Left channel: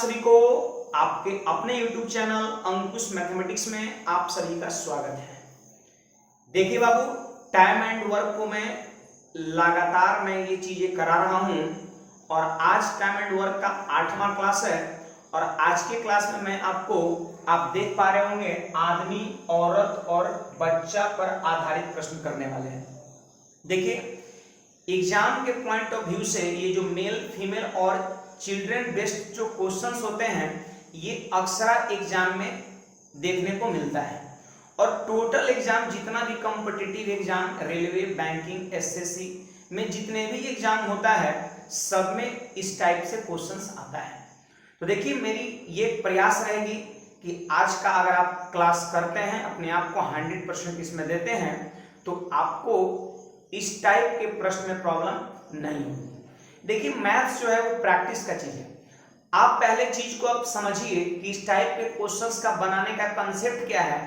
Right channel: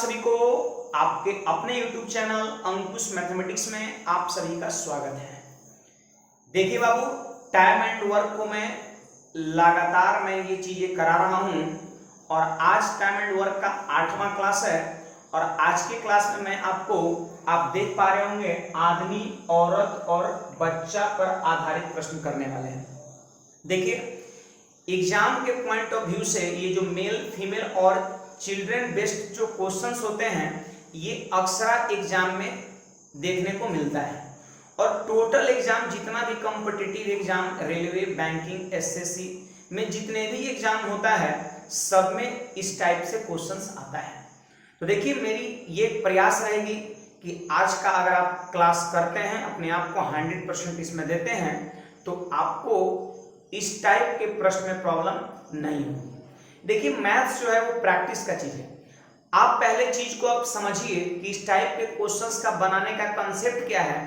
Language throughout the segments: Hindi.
सभी को आपके अपने YouTube चैनल अंकुश मैथमेटिक्स में आप सभी का स्वागत है। देखिए बाबू, टाइम एंड वर्क को मैं लगातार ये चीजें करा रहा हूं और आज टाइम एंड वर्क का 8वां क्लास है और आज के क्लास में मैं आपको आप देख पा रहे होंगे आदमी, औरत और बच्चा पर आधारित प्रश्न करने वाले हैं। देखिए, एग्जाम के पॉइंट ऑफ व्यू से ये जो मेल फीमेल और चिल्ड्रन बेस्ड जो क्वेश्चंस होते हैं ये अक्सर एग्जाम में देखने को मिलता है और टोटल एग्जाम जितना भी competitive exam railway, banking, SSC में जितने भी एग्जाम होता है सब में इस टाइप से क्वेश्चंस आता है। तो देखिए, मेरी ये प्रयास रहेगी कि आज का अगर आप क्लास करते हैं, अपने आप को 100% इसमें देते हैं तो आपको इस टाइप के प्रश्न में प्रॉब्लम नहीं होगी। देखिए, मैथ्स जो है वो प्रैक्टिस का चीज है। आप पहले चीज को आप समझिए कि इस टाइप के क्वेश्चंस का बनाने का कंसेप्ट क्या है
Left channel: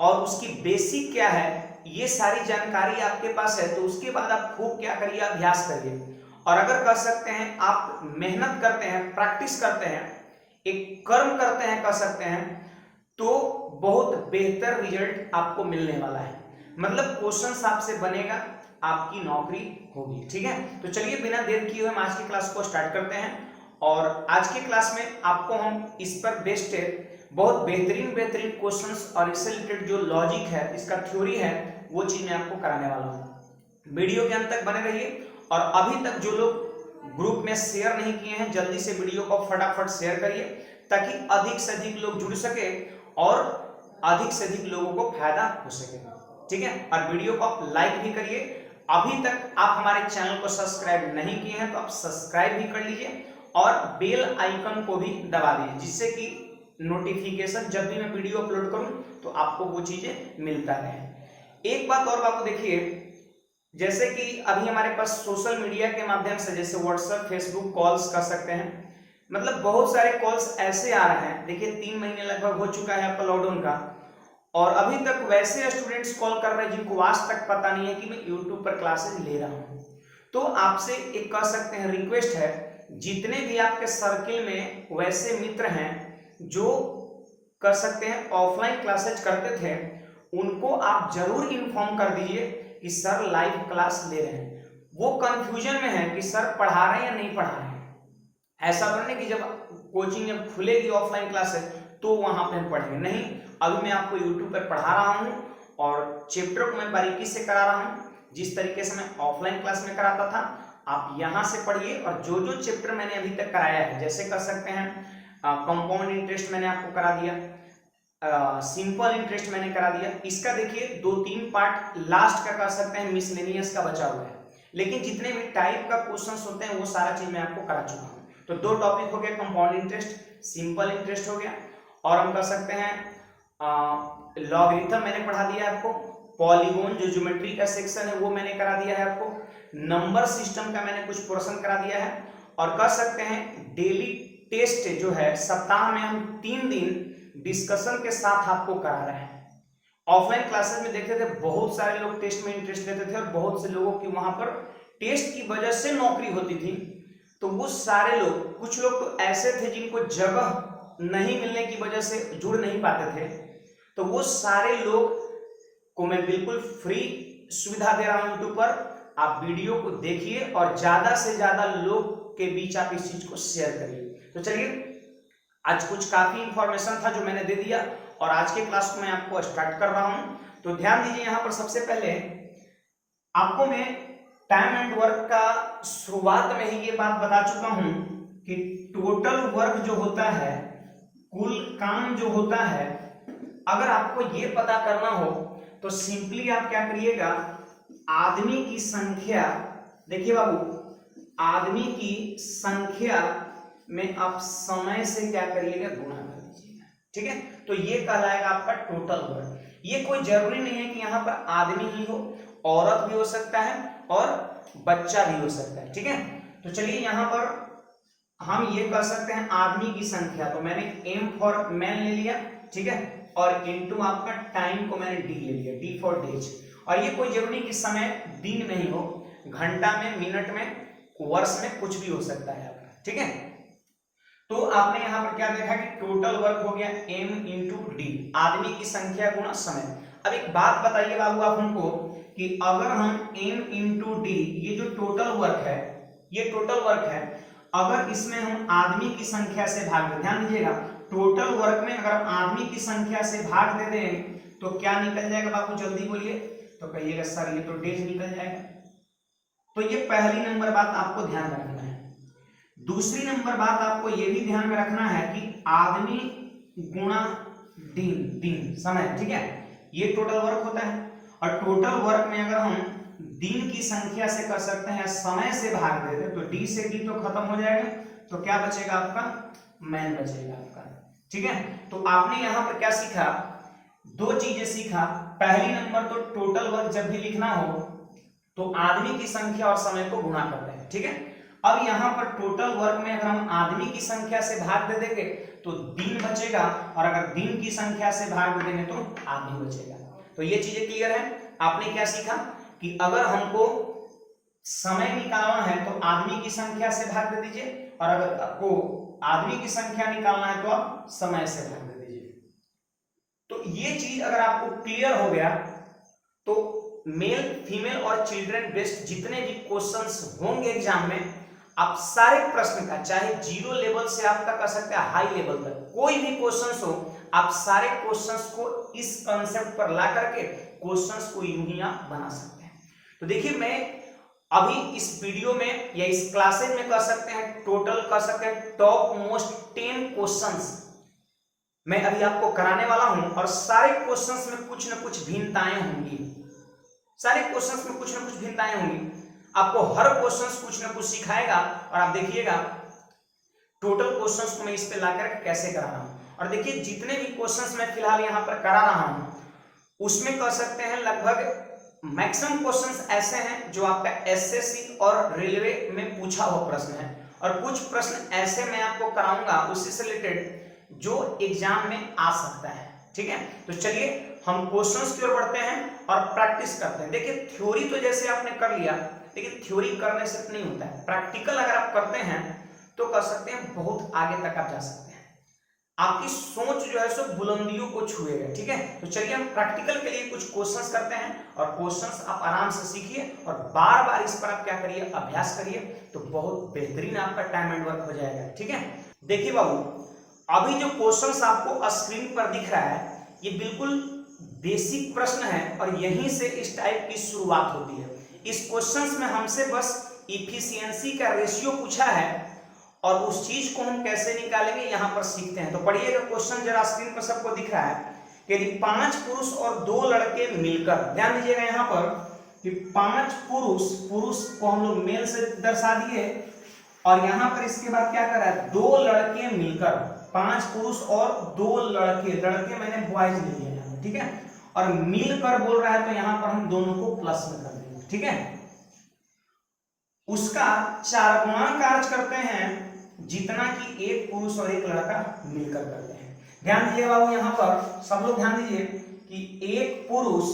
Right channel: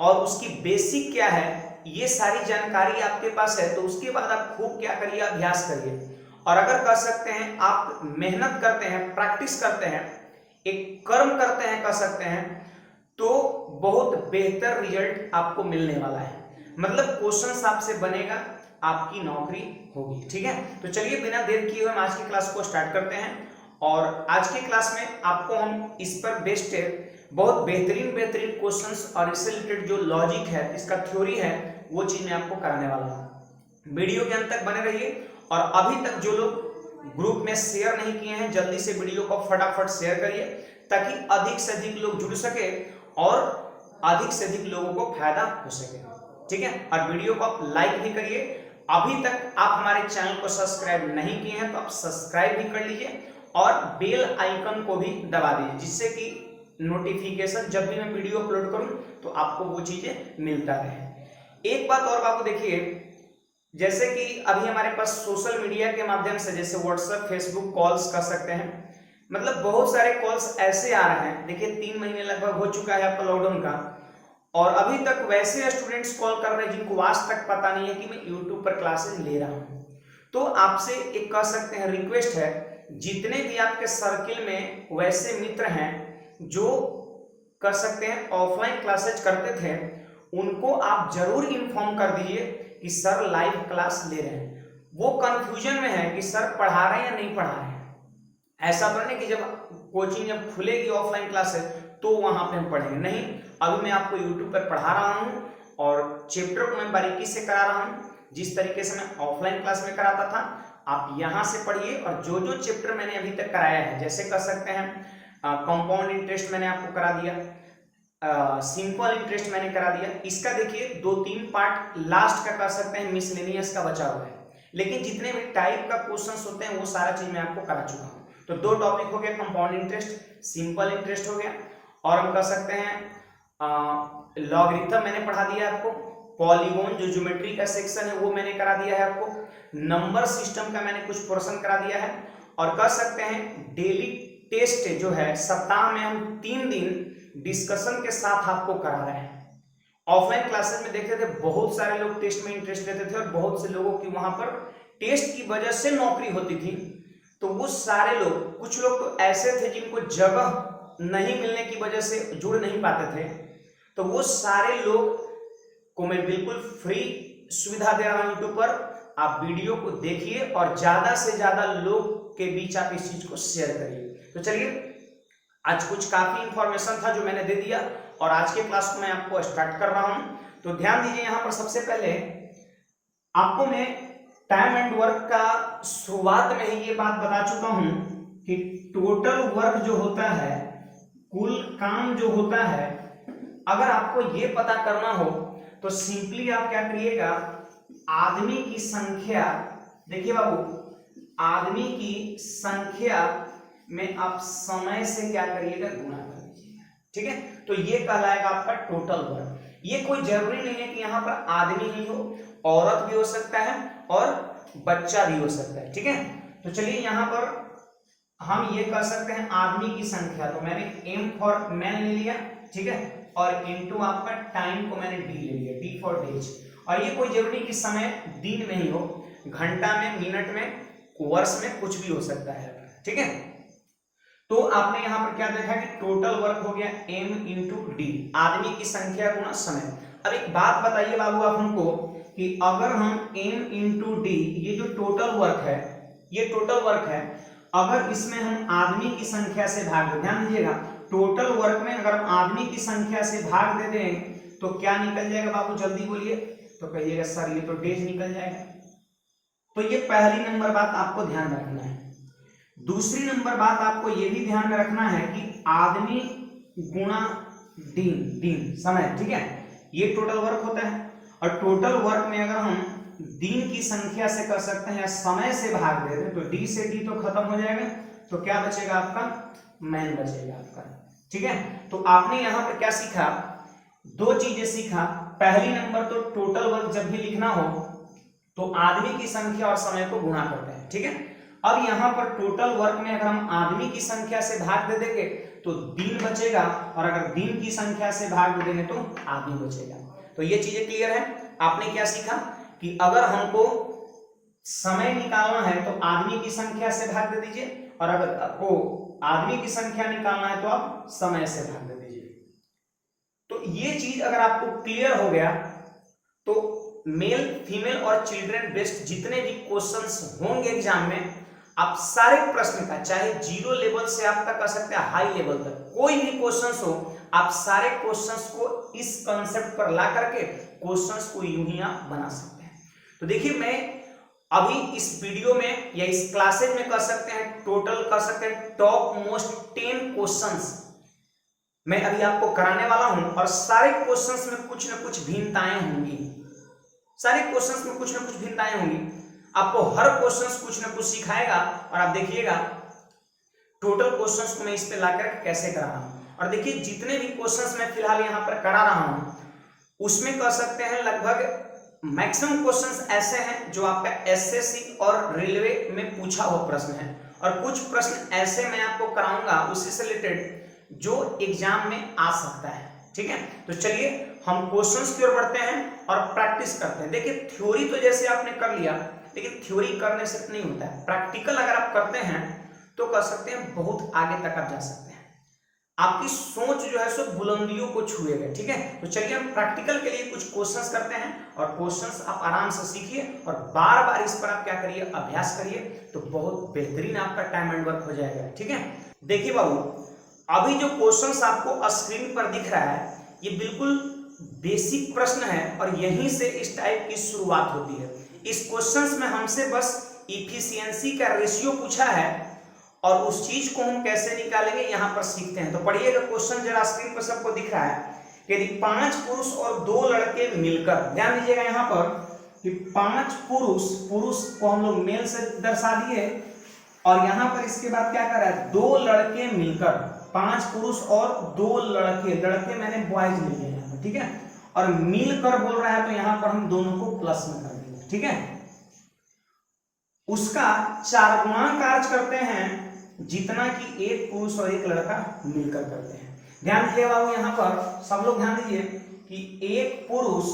और उसकी बेसिक क्या है, ये सारी जानकारी आपके पास है तो उसके बाद आप खूब क्या करिए, अभ्यास करिए और अगर कर सकते हैं, आप मेहनत करते हैं, प्रैक्टिस करते हैं, एक कर्म करते हैं, कर सकते हैं तो बहुत बेहतर रिजल्ट आपको मिलने वाला है। मतलब क्वेश्चंस आपसे बनेगा, आपकी नौकरी होगी। ठीक है, तो चलिए बिना देर किए हुए हम आज की क्लास को स्टार्ट करते हैं और आज की क्लास में आपको हम इस पर बेस्ड बहुत बेहतरीन क्वेश्चंस और इससे रिलेटेड जो लॉजिक है, इसका थ्योरी है, वो चीज मैं आपको कराने वाला हूँ। वीडियो के अंत तक बने रहिए और अभी तक जो लोग ग्रुप में शेयर नहीं किए हैं जल्दी से वीडियो को फटाफट शेयर करिए ताकि अधिक से अधिक लोग जुड़ सके और अधिक से अधिक लोगों को फायदा हो सके। ठीक है, और वीडियो को आप लाइक भी करिए। अभी तक आप हमारे चैनल को सब्सक्राइब नहीं किए हैं तो आप सब्सक्राइब भी कर लीजिए और बेल आइकन को भी दबा दीजिए जिससे कि नोटिफिकेशन जब भी मैं वीडियो अपलोड करूं तो आपको वो चीजें मिलता रहे। एक बात और बात देखिए, जैसे कि अभी हमारे पास सोशल मीडिया के माध्यम से जैसे व्हाट्सएप, फेसबुक कॉल्स कर सकते हैं। मतलब बहुत सारे कॉल्स ऐसे आ रहे हैं। देखिए, 3 महीने लगभग हो चुका है आपका लॉकडाउन का और अभी तक वैसे स्टूडेंट्स कॉल कर रहे हैं जिनको आज तक पता नहीं है कि मैं यूट्यूब पर क्लासेस ले रहा हूं। तो आपसे एक कर सकते हैं, रिक्वेस्ट है, जितने भी आपके सर्किल में वैसे मित्र हैं जो कर सकते हैं ऑफलाइन क्लासेज करते थे, उनको आप जरूर इन्फॉर्म कर दीजिए कि सर लाइव क्लास ले रहे हैं। वो कंफ्यूजन में है कि सर पढ़ा रहे हैं या नहीं पढ़ा रहे हैं। ऐसा तो नहीं कि जब कोचिंग जब खुलेगी ऑफलाइन क्लासेस तो वहां पे हम पढ़ेंगे, नहीं। अभी मैं आपको यूट्यूब पर पढ़ा रहा हूं और चैप्टर को मैं बारीकी से करा रहा हूं जिस तरीके से मैं ऑफलाइन क्लास में कराता था। आप यहां से पढ़िए और जो जो चैप्टर मैंने अभी तक कराया है, जैसे कर सकते हैं कंपाउंड इंटरेस्ट मैंने आपको करा दिया, सिंपल इंटरेस्ट मैंने करा दिया। इसका देखिए 2-3 पार्ट लास्ट का कर सकते हैं, मिसलेनियस का बचा हुआ है, लेकिन जितने भी टाइप का क्वेश्चंस होते हैं वो सारा चीज मैं आपको करा चुका हूं। तो 2 टॉपिक हो गया, कंपाउंड इंटरेस्ट, सिंपल इंटरेस्ट हो गया और हम कर सकते हैं लॉगरिथम मैंने पढ़ा दिया आपको, पॉलीगॉन जो ज्योमेट्री का सेक्शन है वो मैंने करा दिया है आपको, नंबर सिस्टम का मैंने कुछ पोर्शन करा दिया है और कर सकते हैं डेली टेस्ट जो है सप्ताह में हम 3 दिन डिस्कशन के साथ आपको करा रहे हैं। ऑफलाइन क्लासेस में देखते थे बहुत सारे लोग टेस्ट में इंटरेस्ट लेते थे और बहुत से लोगों की वहां पर टेस्ट की वजह से नौकरी होती थी। तो वो सारे लोग, कुछ लोग तो ऐसे थे जिनको जगह नहीं मिलने की वजह से जुड़ नहीं पाते थे, तो वो सारे लोग को मैं बिल्कुल फ्री सुविधा दे रहा हूं यूट्यूब पर। आप वीडियो को देखिए और ज्यादा से ज्यादा लोग के बीच आप इस चीज को शेयर करिए। तो चलिए, आज कुछ काफी इंफॉर्मेशन था जो मैंने दे दिया और आज के क्लास को मैं आपको स्टार्ट कर रहा हूं। तो ध्यान दीजिए, यहां पर सबसे पहले आपको मैं टाइम एंड वर्क का शुरुआत में ही ये बात बता चुका हूं कि टोटल वर्क जो होता है, कुल काम जो होता है, अगर आपको ये पता करना हो तो सिंपली आप क्या करिएगा, आदमी की संख्या, देखिए बाबू, आदमी की संख्या में आप समय से क्या करिएगा, गुणा कर दीजिएगा। ठीक है, तो ये कहलाएगा आपका टोटल वर्क। ये कोई जरूरी नहीं है कि यहाँ पर आदमी ही हो, औरत भी हो सकता है और बच्चा भी हो सकता है। ठीक है, तो चलिए यहाँ पर हम ये कर सकते हैं आदमी की संख्या, तो मैंने एम फॉर मैन ले लिया, ठीक है, और इनटू आपका टाइम को मैंने डी ले लिया, डी फॉर डेज। और ये कोई जरूरी कि समय दिन में ही हो, घंटा में, मिनट में, वर्ष में, कुछ भी हो सकता है। ठीक है, तो आपने यहां पर क्या देखा कि टोटल वर्क हो गया m इंटू डी, आदमी की संख्या गुणा समय। अब एक बात बताइए बाबू आप हमको कि अगर हम m इंटू डी, ये जो टोटल वर्क है, ये टोटल वर्क है, अगर इसमें हम आदमी की संख्या से भाग दें, ध्यान दीजिएगा, टोटल वर्क में अगर हम आदमी की संख्या से भाग दे दें तो क्या निकल जाएगा बाबू, जल्दी बोलिए। तो कहिएगा सर ये तो डेज निकल जाएगा। तो ये पहली नंबर बात आपको ध्यान में रखना है। दूसरी नंबर बात आपको ये भी ध्यान में रखना है कि आदमी गुणा दिन, दिन समय, ठीक है, ये टोटल वर्क होता है। और टोटल वर्क में अगर हम दिन की संख्या से कर सकते हैं, समय से भाग दे दें, तो डी से डी तो खत्म हो जाएगा, तो क्या बचेगा आपका, मैन बचेगा आपका, ठीक है। तो आपने यहाँ पर क्या सीखा, दो चीजें सीखा। पहली नंबर तो टोटल वर्क जब भी लिखना हो तो आदमी की संख्या और समय को गुणा करते हैं, ठीक है। अब यहां पर टोटल वर्क में अगर हम आदमी की संख्या से भाग दे देंगे तो दिन बचेगा, और अगर दिन की संख्या से भाग दे देंगे तो आदमी बचेगा। तो ये चीजें क्लियर है। आपने क्या सीखा कि अगर हमको समय निकालना है तो आदमी की संख्या से भाग दे दीजिए, और अगर आपको आदमी की संख्या निकालना है तो आप समय से भाग दे दीजिए। तो ये चीज अगर आपको क्लियर हो गया तो मेल, फीमेल और चिल्ड्रन बेस्ड जितने भी क्वेश्चंस होंगे एग्जाम में, आप सारे प्रश्न का, चाहे जीरो लेवल से आप तक कर सकते हैं हाई लेवल तक, कोई भी क्वेश्चंस हो, आप सारे क्वेश्चंस को इस कॉन्सेप्ट पर ला करके क्वेश्चंस को यूं ही आप बना सकते हैं। तो देखिए, मैं अभी इस वीडियो में या इस क्लासेज में कर सकते हैं, टोटल कर सकते हैं टॉप मोस्ट 10 क्वेश्चंस मैं अभी आपको कराने वाला हूं, और सारे क्वेश्चंस में कुछ ना कुछ भिन्नताएं होंगी, सारे क्वेश्चंस में कुछ ना कुछ भिन्नताएं होंगी। आपको हर क्वेश्चंस कुछ ना कुछ सिखाएगा, और आप देखिएगा टोटल क्वेश्चंस को मैं इस पे लाकर कैसे करा रहा हूं। और देखिए, जितने भी क्वेश्चंस मैं फिलहाल यहाँ पर करा रहा हूं उसमें कह सकते हैं लगभग मैक्सिमम क्वेश्चंस ऐसे हैं जो आपका एसएससी और रेलवे में पूछा हुआ प्रश्न है, और कुछ प्रश्न ऐसे मैं आपको कराऊंगा उसी से रिलेटेड जो एग्जाम में आ सकता है, ठीक है। तो चलिए हम क्वेश्चंस की ओर बढ़ते हैं और प्रैक्टिस करते हैं। देखिए, थ्योरी तो जैसे आपने कर लिया, लेकिन थ्योरी करने से नहीं होता है, प्रैक्टिकल अगर आप करते हैं तो कर सकते हैं, बहुत आगे तक आप जा सकते हैं, आपकी सोच जो है सो बुलंदियों को छुएगा, ठीक है। तो चलिए हम प्रैक्टिकल के लिए कुछ क्वेश्चंस करते हैं, और क्वेश्चंस आप आराम से सीखिए और बार बार इस पर आप क्या करिए, अभ्यास करिए, तो बहुत बेहतरीन आपका टाइम एंड वर्क हो जाएगा, ठीक है। देखिए बाबू, अभी जो क्वेश्चंस आपको स्क्रीन पर दिख रहा है ये बिल्कुल बेसिक प्रश्न है, और यहीं से इस टाइप की शुरुआत होती है। इस क्वेश्चंस में हमसे बस इफिशियंसी का रेशियो पूछा है, और उस चीज को हम कैसे निकालेंगे यहां पर सीखते हैं। तो पढ़िएगा क्वेश्चन, जरा स्क्रीन पर सबको दिख रहा है कि यदि 5 पुरुष और 2 लड़के मिलकर, ध्यान दीजिएगा यहाँ पर कि 5 पुरुष, पुरुष को हम लोग मेल से दर्शा दिए, और यहां पर इसके बाद क्या कर रहा है, 2 लड़के मिलकर, 5 पुरुष और 2 लड़के, लड़के मैंने बॉयज लिए हैं, ठीक है, और मिलकर बोल रहा है तो यहां पर हम दोनों को प्लस में कर देंगे, ठीक है। उसका 4 गुणा कार्य करते हैं जितना कि एक पुरुष और एक लड़का मिलकर करते हैं। ध्यान दीजिए बाबू, यहां पर सब लोग ध्यान दीजिए कि एक पुरुष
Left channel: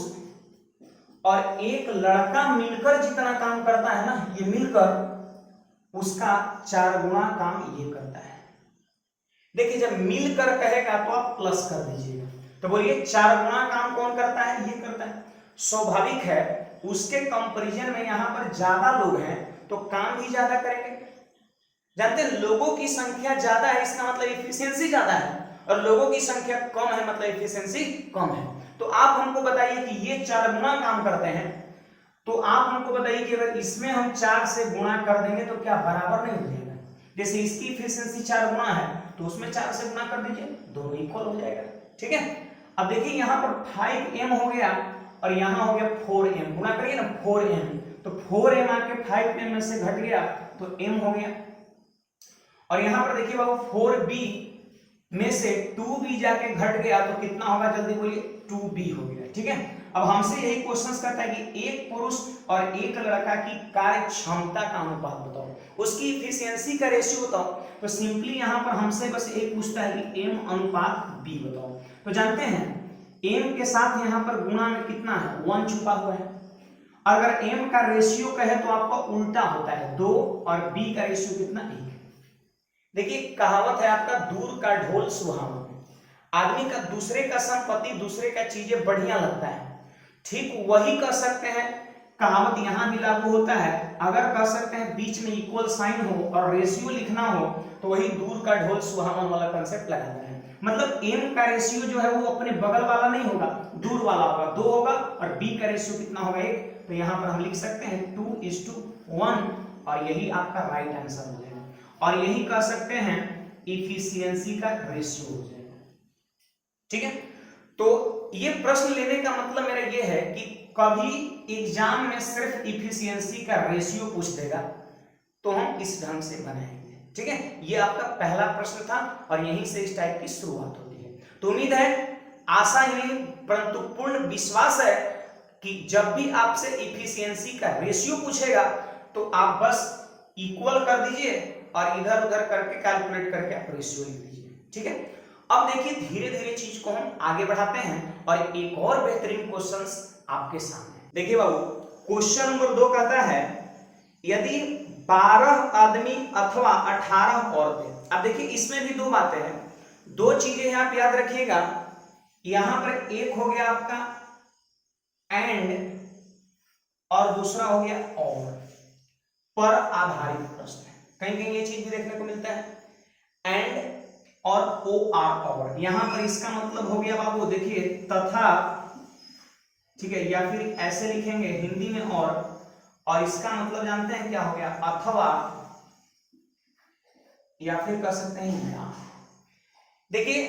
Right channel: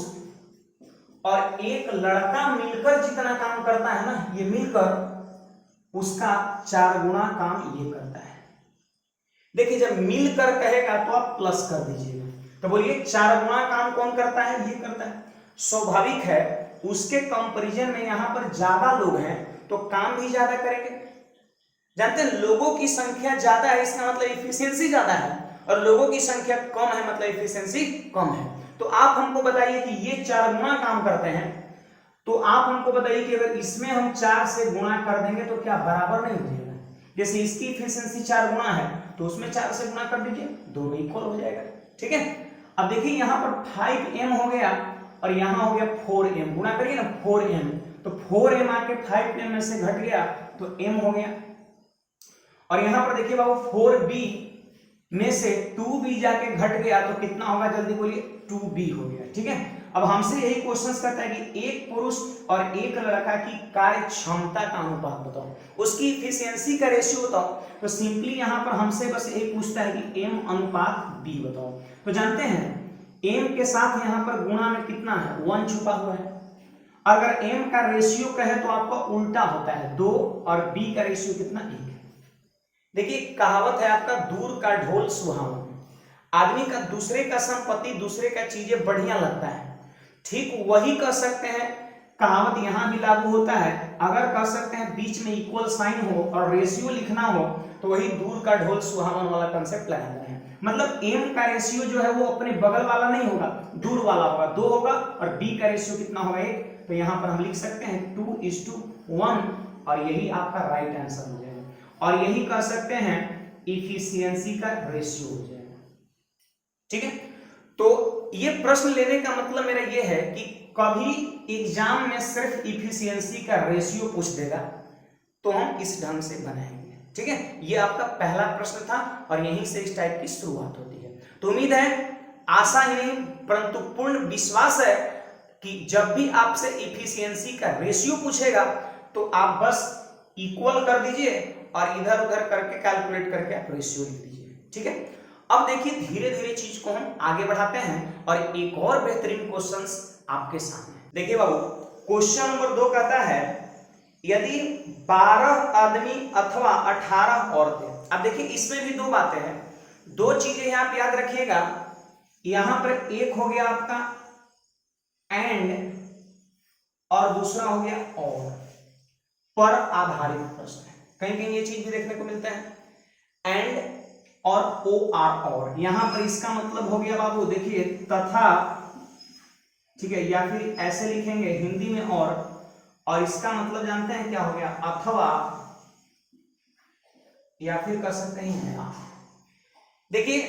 और एक लड़का मिलकर जितना काम करता है ना, ये मिलकर उसका 4 गुणा काम ये करता है। देखिए, जब मिलकर कहेगा तो आप प्लस कर दीजिएगा, तो बोलिए 4 गुणा काम कौन करता है, ये करता है। स्वाभाविक है, उसके कंपैरिजन में यहां पर ज्यादा लोग हैं तो काम भी ज्यादा करेंगे। जानते हैं, लोगों की संख्या ज्यादा है इसका मतलब इफिशियंसी ज्यादा है, और लोगों की संख्या कम है मतलब इफिशियंसी कम है। तो आप हमको बताइए कि ये 4 गुणा काम करते हैं, तो आप हमको बताइए कि अगर इसमें हम 4 से गुणा कर देंगे तो क्या बराबर नहीं हो जाएगा। जैसे इसकी इफिशियंसी 4 गुणा है तो उसमें 4 से गुणा कर दीजिए, दोनों इक्वल हो जाएगा, ठीक है। अब देखिए यहाँ पर 5m हो गया और यहाँ हो गया 4m, गुणा करिए ना 4m, तो 4m आके 5m में से घट गया तो m हो गया। और यहाँ पर देखिए बाबू 4b में से 2b जाके घट गया तो कितना होगा, जल्दी बोलिए, 2b हो गया, ठीक है। अब हमसे यही क्वेश्चन करता है कि एक पुरुष और एक लड़का की कार्य क्षमता का अनुपात बताओ, उसकी इफिशियंसी का रेशियो बताओ। तो सिंपली यहाँ पर हमसे बस एक पूछता है कि m अनुपात b बताओ। तो जानते हैं m के साथ यहाँ पर गुणा में कितना है, 1 छुपा हुआ है। अगर m का रेशियो कहे तो आपका उल्टा होता है 2, और b का रेशियो कितना, 1। देखिए कहावत है आपका, दूर का ढोल सुहावना। आदमी का दूसरे का संपत्ति, दूसरे का चीजें बढ़िया लगता है, ठीक वही कह सकते हैं कहावत यहां भी लागू होता है। अगर कह सकते हैं बीच में इक्वल साइन हो और रेशियो लिखना हो तो वही दूर का ढोल सुहावन वाला कंसेप्ट लगाना है। मतलब एम का रेशियो जो है वो अपने बगल वाला नहीं होगा, दूर वाला होगा, 2 होगा, और बी का रेशियो कितना होगा 1। तो यहाँ पर हम लिख सकते हैं 2:1 और यही आपका राइट आंसर हो जाएगा। और यही कह सकते हैं इफिशियंसी का रेशियो हो जाएगा। ठीक है, तो ये प्रश्न लेने का मतलब मेरा ये है कि कभी एग्जाम में सिर्फ इफिशियंसी का रेशियो पूछ देगा तो हम इस ढंग से बनाएंगे। ठीक है, ये आपका पहला प्रश्न था और यहीं से इस टाइप की शुरुआत होती है। तो उम्मीद है, आशा ही नहीं परंतु पूर्ण विश्वास है कि जब भी आपसे इफिशियंसी का रेशियो पूछेगा तो आप बस इक्वल कर दीजिए और इधर उधर करके कैलकुलेट करके आप रेशियो लिख दीजिए। ठीक है, अब देखिए धीरे धीरे चीज को हम आगे बढ़ाते हैं और एक और बेहतरीन क्वेश्चंस आपके सामने। देखिए बाबू, क्वेश्चन नंबर 2 कहता है यदि 12 आदमी अथवा 18 औरतें। अब देखिए इसमें भी 2 बातें हैं, 2 चीजें आप याद रखिएगा। यहां पर एक हो गया आपका एंड और दूसरा हो गया और, पर आधारित प्रश्न है। कहीं कहीं ये चीज भी देखने को मिलता है एंड और ओ आर और। यहां पर इसका मतलब हो गया बाबू देखिए तथा, ठीक है, या फिर ऐसे लिखेंगे हिंदी में और इसका मतलब जानते हैं क्या हो गया, अथवा, या फिर कह सकते हैं या। देखिए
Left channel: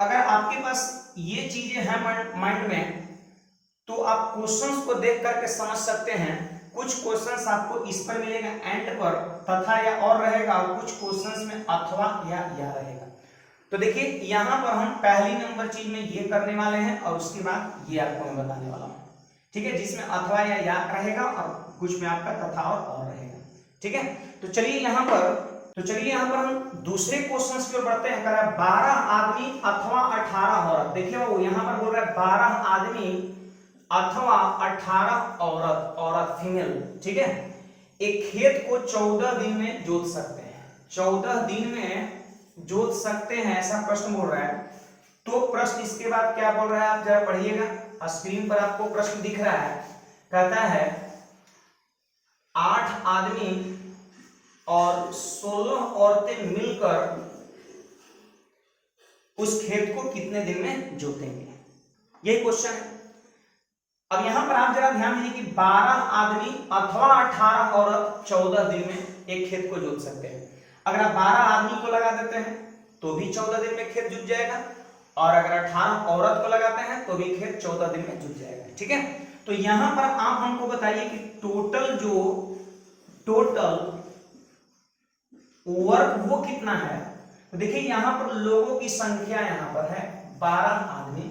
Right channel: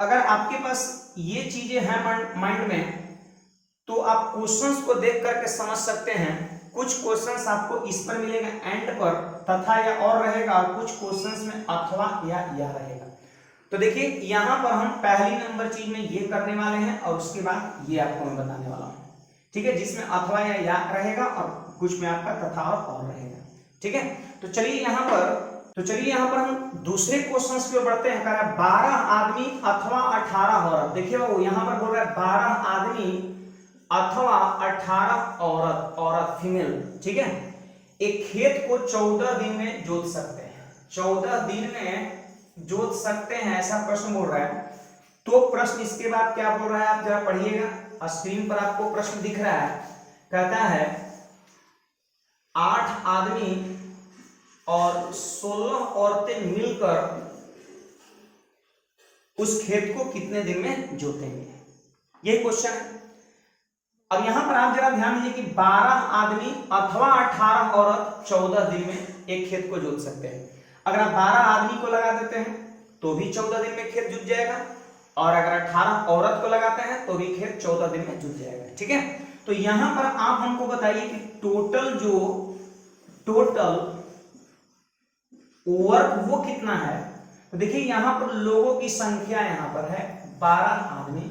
अगर आपके पास ये चीजें हैं माइंड में तो आप क्वेश्चंस को देख करके समझ सकते हैं। कुछ क्वेश्चंस आपको इस पर मिलेगा एंड पर तथा या और रहेगा, और कुछ क्वेश्चंस में अथवा या रहेगा। तो देखिए यहां पर हम पहली नंबर चीज में ये करने वाले हैं और उसके बाद ये आपको मैं बताने वाला हूं। ठीक है, जिसमें अथवा या रहेगा और कुछ में आपका तथा और रहेगा। ठीक है, तो चलिए यहां पर हम दूसरे क्वेश्चन की ओर बढ़ते हैं। कह रहा है 12 आदमी अथवा 18 औरत। देखिए वो यहां पर बोल रहा है 12 आदमी अथवा 18 औरत फीमेल। ठीक है, एक खेत को 14 दिन में जोत सकते हैं, 14 दिन में जोत सकते हैं, ऐसा प्रश्न बोल रहा है। तो प्रश्न इसके बाद क्या बोल रहा है आप जरा पढ़िएगा, स्क्रीन पर आपको प्रश्न दिख रहा है। कहता है 8 आदमी और 16 औरतें मिलकर उस खेत को कितने दिन में जोतेंगे, यही क्वेश्चन है। अब यहां पर आप जरा ध्यान दीजिए कि 12 आदमी अथवा 18 औरत 14 दिन में एक खेत को जोत सकते हैं। अगर आप 12 आदमी को लगा देते हैं तो भी 14 दिन में खेत जुत जाएगा, और अगर 18 औरत को लगाते हैं तो भी खेत 14 दिन में जुट जाएगा। ठीक है, तो यहां पर आप हमको बताइए कि टोटल वर्क वो कितना है। तो देखिए यहां पर लोगों की संख्या यहां पर है 12 आदमी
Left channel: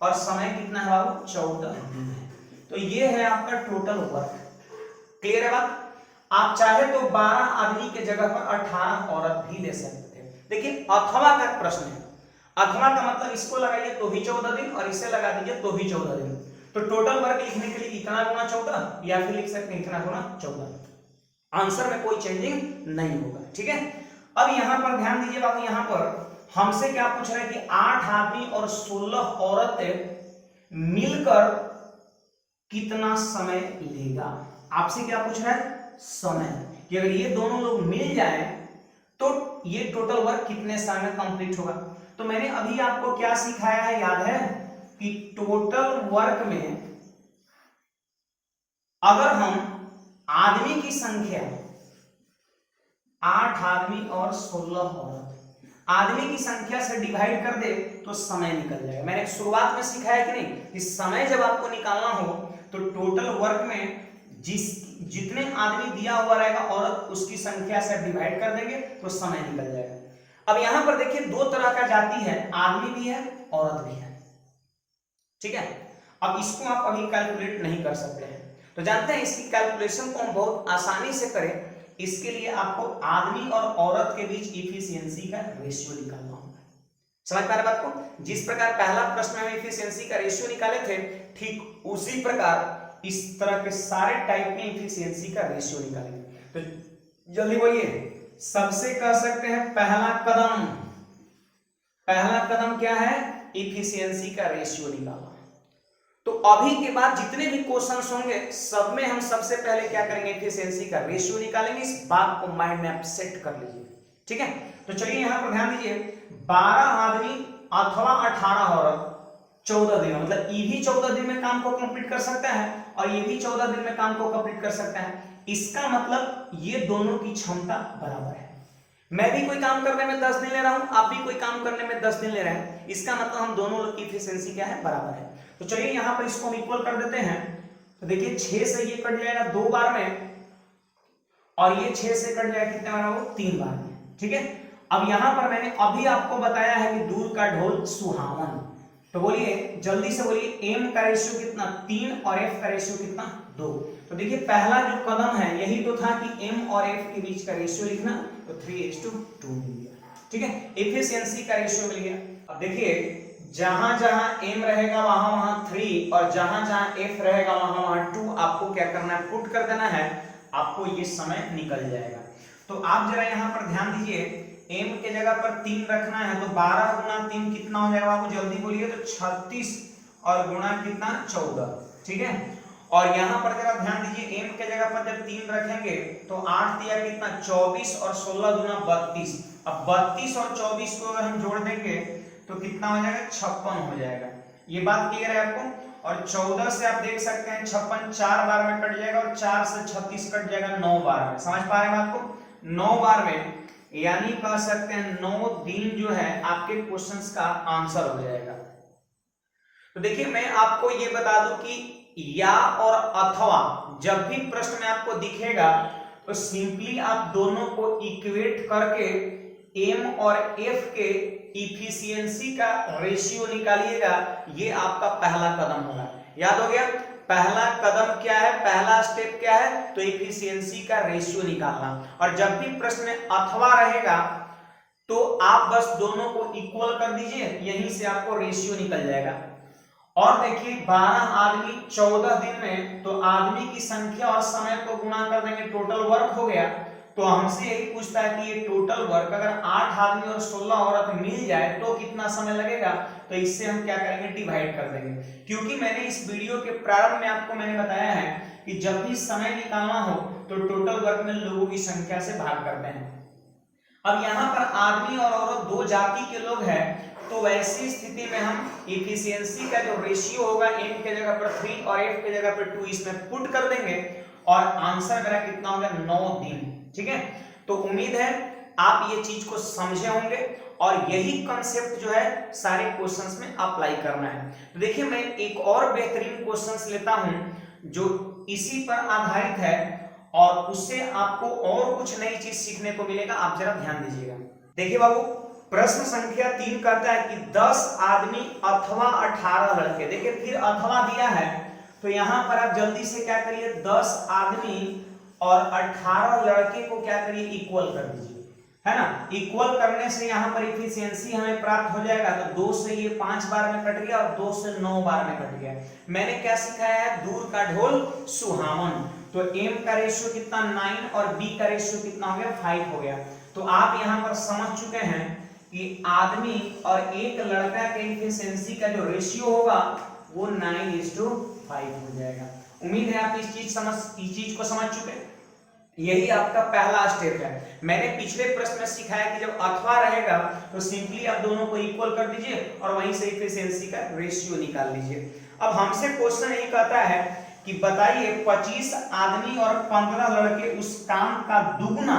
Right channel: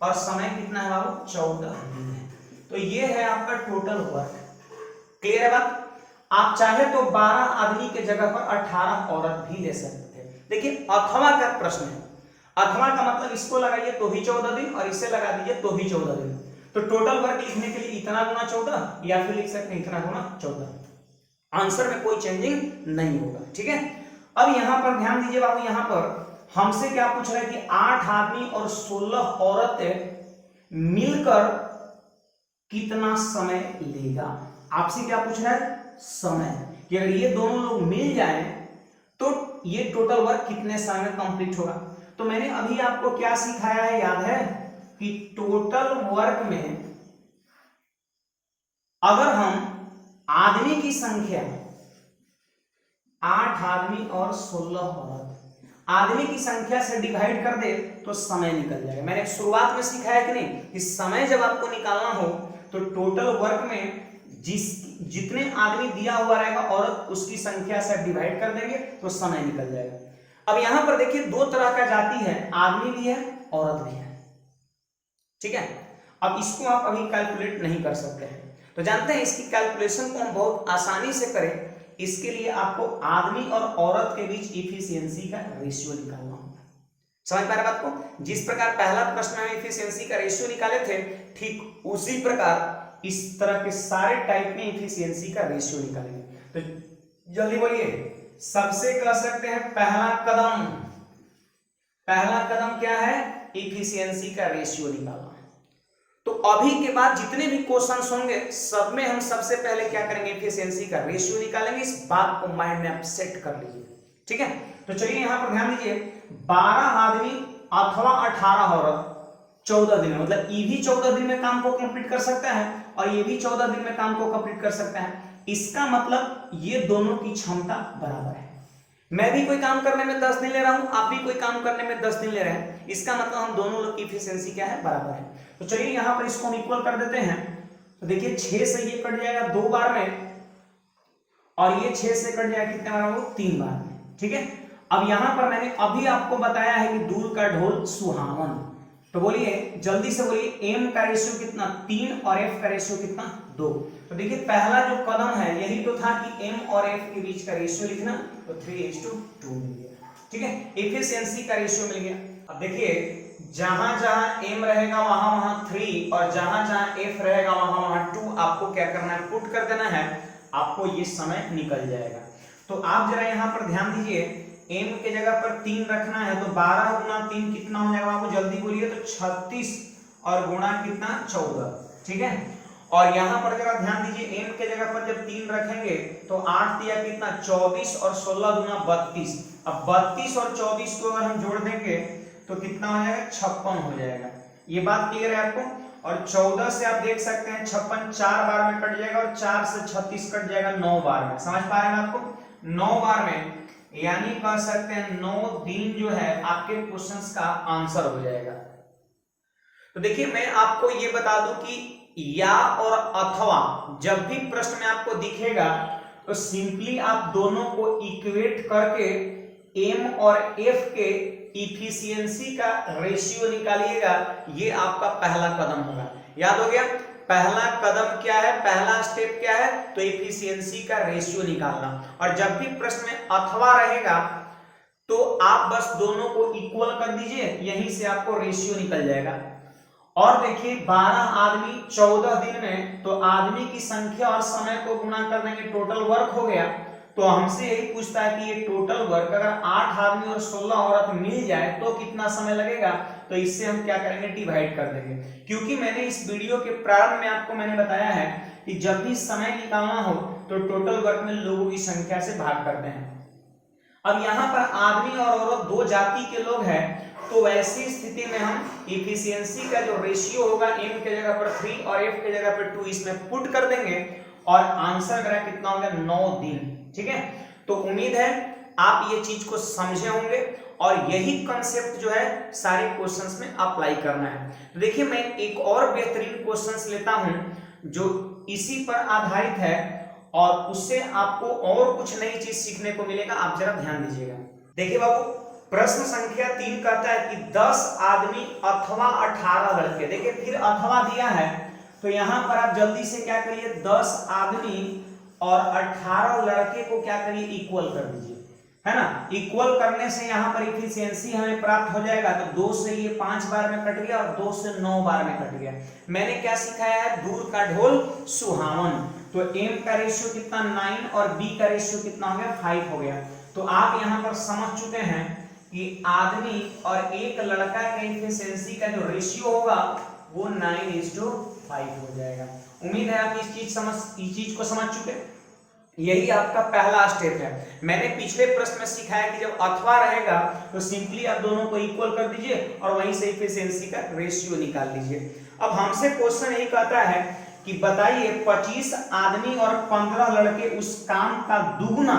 और समय कितना है बाबू 14 दिन है। तो ये है आपका टोटल वर्क। क्लियर है बात? आप चाहे तो 12 आदमी के जगह पर 18 औरत भी ले सकते थे। देखिए अथवा का प्रश्न है, अथवा का मतलब इसको लगाइए तो भी 14 दिन और इसे लगा दीजिए तो भी 14 दिन। तो टोटल वर्क लिखने के लिए इतना गुना 14 या फिर लिख सकते हैं इतना गुना 14। आंसर में कोई चेंजिंग नहीं होगा। ठीक है, अब यहां पर ध्यान दीजिए बाबू, यहां पर हमसे क्या पूछ रहे कि 8 आदमी और 16 औरतें मिलकर कितना समय लेगा। आपसे क्या पूछ रहा है, समय, कि अगर ये दोनों लोग मिल जाएं तो ये टोटल वर्क कितने समय में कंप्लीट होगा। तो मैंने अभी आपको क्या सिखाया है याद है कि टोटल वर्क में अगर हम आदमी की संख्या 8 आदमी और 16 औरत, आदमी की संख्या से डिवाइड कर दे तो समय निकल जाएगा। मैंने शुरुआत में सिखाया कि नहीं कि समय जब आपको निकालना हो तो टोटल वर्क में जितने आदमी दिया हुआ रहेगा औरत उसकी संख्या से डिवाइड कर देंगे तो समय निकल जाएगा। अब यहां पर देखिए 2 तरह का जाति है, आदमी भी है औरत भी है। ठीक है, अब इसको आप अभी कैलकुलेट नहीं कर सकते हैं, तो जानते हैं इसकी कैलकुलेशन को हम बहुत आसानी से करें। इसके लिए आपको आदमी और औरत के बीच इफिशियंसी का रेशियो निकालना होगा। समझ पा रहे बात को? जिस प्रकार पहला प्रश्न में इफिशियंसी का रेशियो निकाले थे, ठीक उसी प्रकार इस तरह के सारे टाइप में इफिशियंसी का रेशियो निकालेंगे। तो जल्दी बोलिए, सबसे कह सकते हैं पहला कदम, पहला कदम क्या है, इफिशियंसी का रेशियो निकालना। तो अभी के बाद जितने भी क्वेश्चंस होंगे सब में हम सबसे पहले क्या करेंगे, इफिशियंसी का रेशियो निकालेंगे। इस बात को माइंड में आप सेट कर लीजिए, ठीक है। तो चलिए यहां पर ध्यान दीजिए, 12 आदमी अथवा 18 औरत 14 दिन में, मतलब ये भी 14 दिन में काम को कंप्लीट कर सकता है और ये भी 14 दिन में काम को कंप्लीट कर सकता है। इसका मतलब ये दोनों की क्षमता बराबर है। मैं भी कोई काम करने में 10 दिन ले रहा हूं, आप भी कोई काम करने में 10 दिन ले रहे हैं, इसका मतलब हम दोनों लोग की इफिशियंसी क्या है, बराबर है। तो चलिए यहां पर इसको हम इक्वल कर देते हैं। तो देखिए 6 से ये कट जाएगा 2 बार में और ये 6 से कट जाएगा कितने बार में, 3 बार में, ठीक है। अब यहां पर मैंने अभी आपको बताया है कि दूर का ढोल सुहावन, तो बोलिए जल्दी से बोलिए, m का रेशियो कितना 3 और f का रेशियो कितना 2। तो देखिए पहला जो कदम है यही तो था कि m और f के बीच का रेशियो लिखना, तो 3:2 मिल गया, ठीक है। एफिशिएंसी का रेशियो मिल गया। अब देखिए जहां जहां m रहेगा वहां वहां 3 और जहां जहां f रहेगा वहां वहां 2, आपको क्या करना है, पुट कर देना है, आपको ये समय निकल जाएगा। तो आप जरा यहां पर ध्यान दीजिए, m के जगह पर 3 रखना है, तो 12 गुना 3 कितना हो जाएगा, आपको जल्दी बोलिए, तो 36 और गुणा कितना 14, ठीक है। और यहां पर जरा ध्यान दीजिए, m के जगह पर जब 3 रखेंगे तो 8 दिया कितना 24 और 16 गुना 32। अब 32 और 24 को अगर हम जोड़ देंगे तो कितना हो जाएगा, 56 हो जाएगा। ये बात क्लियर है आपको। और 14 से आप देख सकते हैं 56 4 बार में कट जाएगा और 4 से 36 कट जाएगा 9 बार में, समझ पा रहे हैं आपको, 9 बार में, यानी कह सकते हैं 9 दिन जो है आपके क्वेश्चंस का आंसर हो जाएगा। तो देखिए मैं आपको ये बता दूं कि या और अथवा जब भी प्रश्न में आपको दिखेगा तो सिंपली आप दोनों को इक्वेट करके m और f के इफिशियंसी का रेशियो निकालिएगा, ये आपका पहला कदम होगा। याद हो गया, पहला कदम क्या है, पहला स्टेप क्या है, तो इफिशियंसी का रेशियो निकालना। और जब भी प्रश्न में अथवा रहेगा तो आप बस दोनों को इक्वल कर दीजिए, यहीं से आपको रेशियो निकल जाएगा। और देखिए 12 आदमी 14 दिन में, तो आदमी की संख्या और समय को गुणा कर देंगे, टोटल वर्क हो गया। तो हमसे यही पूछता है कि ये टोटल वर्क अगर 8 आदमी और 16 औरत मिल जाए तो कितना समय लगेगा, तो इससे हम क्या करेंगे, डिवाइड कर देंगे। क्योंकि मैंने इस वीडियो के प्रारंभ में आपको मैंने बताया है कि जब भी समय निकालना हो तो टोटल वर्क में लोगों की संख्या से भाग करते हैं। अब यहाँ पर आदमी और औरत दो जाति के लोग हैं, तो वैसी स्थिति में हम इफिशियंसी का जो रेशियो होगा m के जगह पर 3 और f के जगह पर 2 इसमें पुट कर देंगे और आंसर मेरा कितना होगा, 9 दिन, ठीक है। तो उम्मीद है आप ये चीज को समझे होंगे और यही कंसेप्ट जो है सारे क्वेश्चंस में अप्लाई करना है। तो देखिए मैं एक और बेहतरीन क्वेश्चंस लेता हूं जो इसी पर आधारित है और उससे आपको और कुछ नई चीज सीखने को मिलेगा, आप जरा ध्यान दीजिएगा। देखिए बाबू, प्रश्न संख्या 3 कहता है कि 10 आदमी अथवा 18 लड़के, देखिए फिर अथवा दिया है, तो यहां पर आप जल्दी से क्या करिए, 10 आदमी और 18 लड़के को क्या करिए, इक्वल कर दीजिए, है ना। इक्वल करने से यहाँ पर इफिशियंसी हमें प्राप्त हो जाएगा। तो 2 से ये 5 बार में कट गया और 2 से 9 बार में कट गया। मैंने क्या सिखाया है, दूर का ढोल सुहावन। तो m का रेशियो कितना 9 और b का रेशियो कितना हो गया, 5 हो गया। तो आप यहाँ पर समझ चुके हैं कि आदमी और एक लड़का के इफिशियंसी का जो रेशियो होगा वो 9:5 हो जाएगा। उम्मीद है आप इस चीज को समझ चुके हैं। यही आपका पहला स्टेप है। मैंने पिछले प्रश्न में सिखाया कि जब अथवा रहेगा तो सिंपली आप दोनों को इक्वल कर दीजिए और वहीं से इफिशियंसी का रेशियो निकाल लीजिए। अब हमसे क्वेश्चन यही कहता है कि बताइए 25 आदमी और 15 लड़के उस काम का दुगना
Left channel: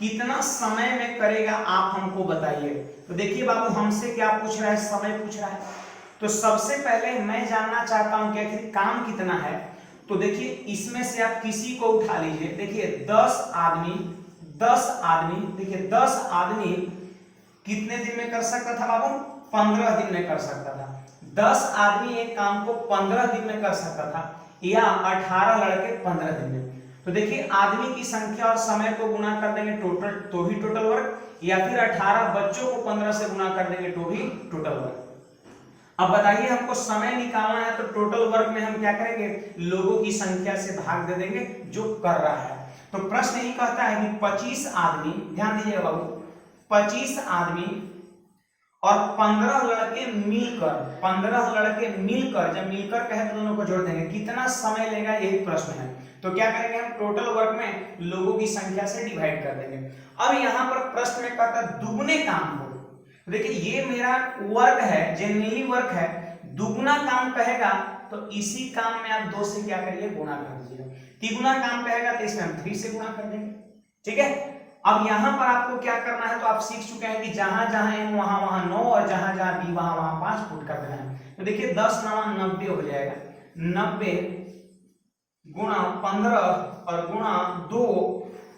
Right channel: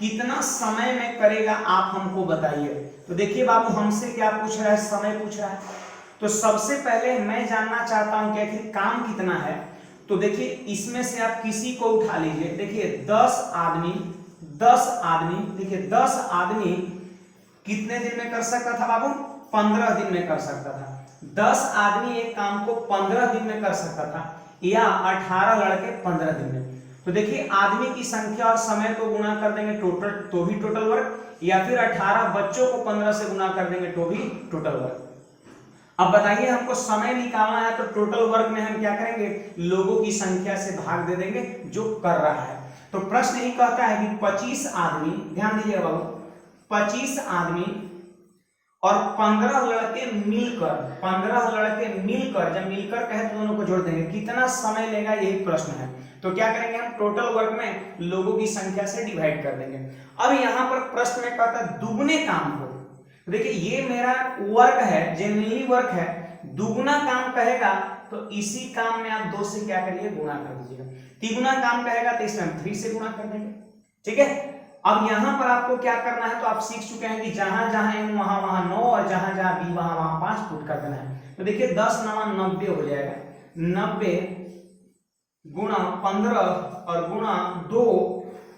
कितना समय में करेगा, आप हमको बताइए। तो देखिए बाबू, हमसे क्या पूछ रहा है, समय पूछ रहा है। तो सबसे पहले मैं जानना चाहता हूं कि आखिर काम कितना है। तो देखिए इसमें से आप किसी को उठा लीजिए। देखिए 10 आदमी, देखिए 10 आदमी कितने दिन में कर सकता था बाबू, 15 दिन में कर सकता था। 10 आदमी एक काम को 15 दिन में कर सकता था, या 18 लड़के 15 दिन में। तो देखिए आदमी की संख्या और समय को गुणा कर देंगे टोटल, तो भी टोटल वर्क, या फिर 18 बच्चों को 15 से गुणा कर देंगे तो भी टोटल वर्क। अब बताइए हमको समय निकालना है, तो टोटल वर्क में हम क्या करेंगे, लोगों की संख्या से भाग दे देंगे जो कर रहा है। तो प्रश्न यही कहता है कि 25 आदमी, ध्यान दीजिएगा बाबू, 25 आदमी और 15 लड़के मिलकर, 15 लड़के मिलकर, जब मिलकर कहे तो दोनों को जोड़ देंगे, कितना समय लेगा, यही प्रश्न है। तो क्या करेंगे हम, टोटल वर्क में लोगों की संख्या से डिवाइड कर देंगे। अब यहाँ पर प्रश्न में कहता है दुगने काम को, देखिए ये मेरा वर्क है, जेन्युइनली वर्क है, दुगुना काम कहेगा तो इसी काम में आप 2 से क्या करिए, गुणा कर दीजिएगा। तिगुना काम कहेगा तो इसमें हम 3 से गुणा कर देंगे, ठीक है। अब यहां पर आपको क्या करना है, तो आप सीख चुके हैं कि जहां जहां m वहां वहां 9 और जहां जहां b वहां वहां 5 पुट कर देना है। तो देखिए 10 9 90 हो जाएगा, 90 गुणा 15 और गुणा 2,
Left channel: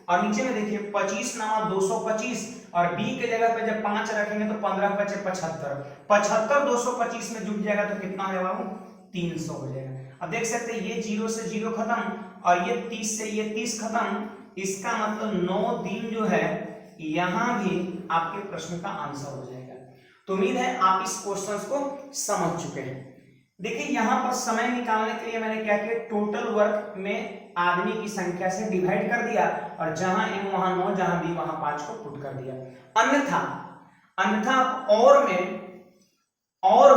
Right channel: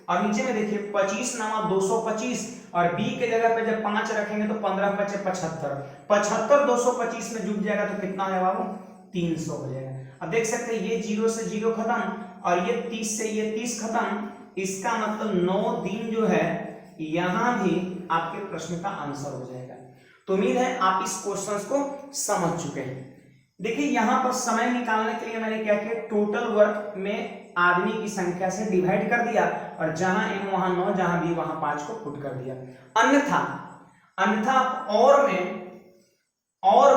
और नीचे में देखिए 25 9 225, और b के जगह पे जब 5 रखेंगे तो 15 5 75, 75 225 में जुट जाएगा तो कितना है बाबू, 300 हो जाएगा। अब देख सकते हैं ये 0 से 0 खत्म और ये 30 से ये 30 खत्म, इसका मतलब 9 दिन जो है यहां भी आपके प्रश्न का आंसर हो जाएगा। तो उम्मीद है आप इस क्वेश्चन को समझ चुके हैं। देखिए यहां पर समय निकालने के लिए मैंने क्या किया, टोटल वर्क में आदमी की संख्या से डिवाइड कर दिया और जहां m वहां 9, जहां b वहां 5 को पुट कर दिया। अन्यथा आप और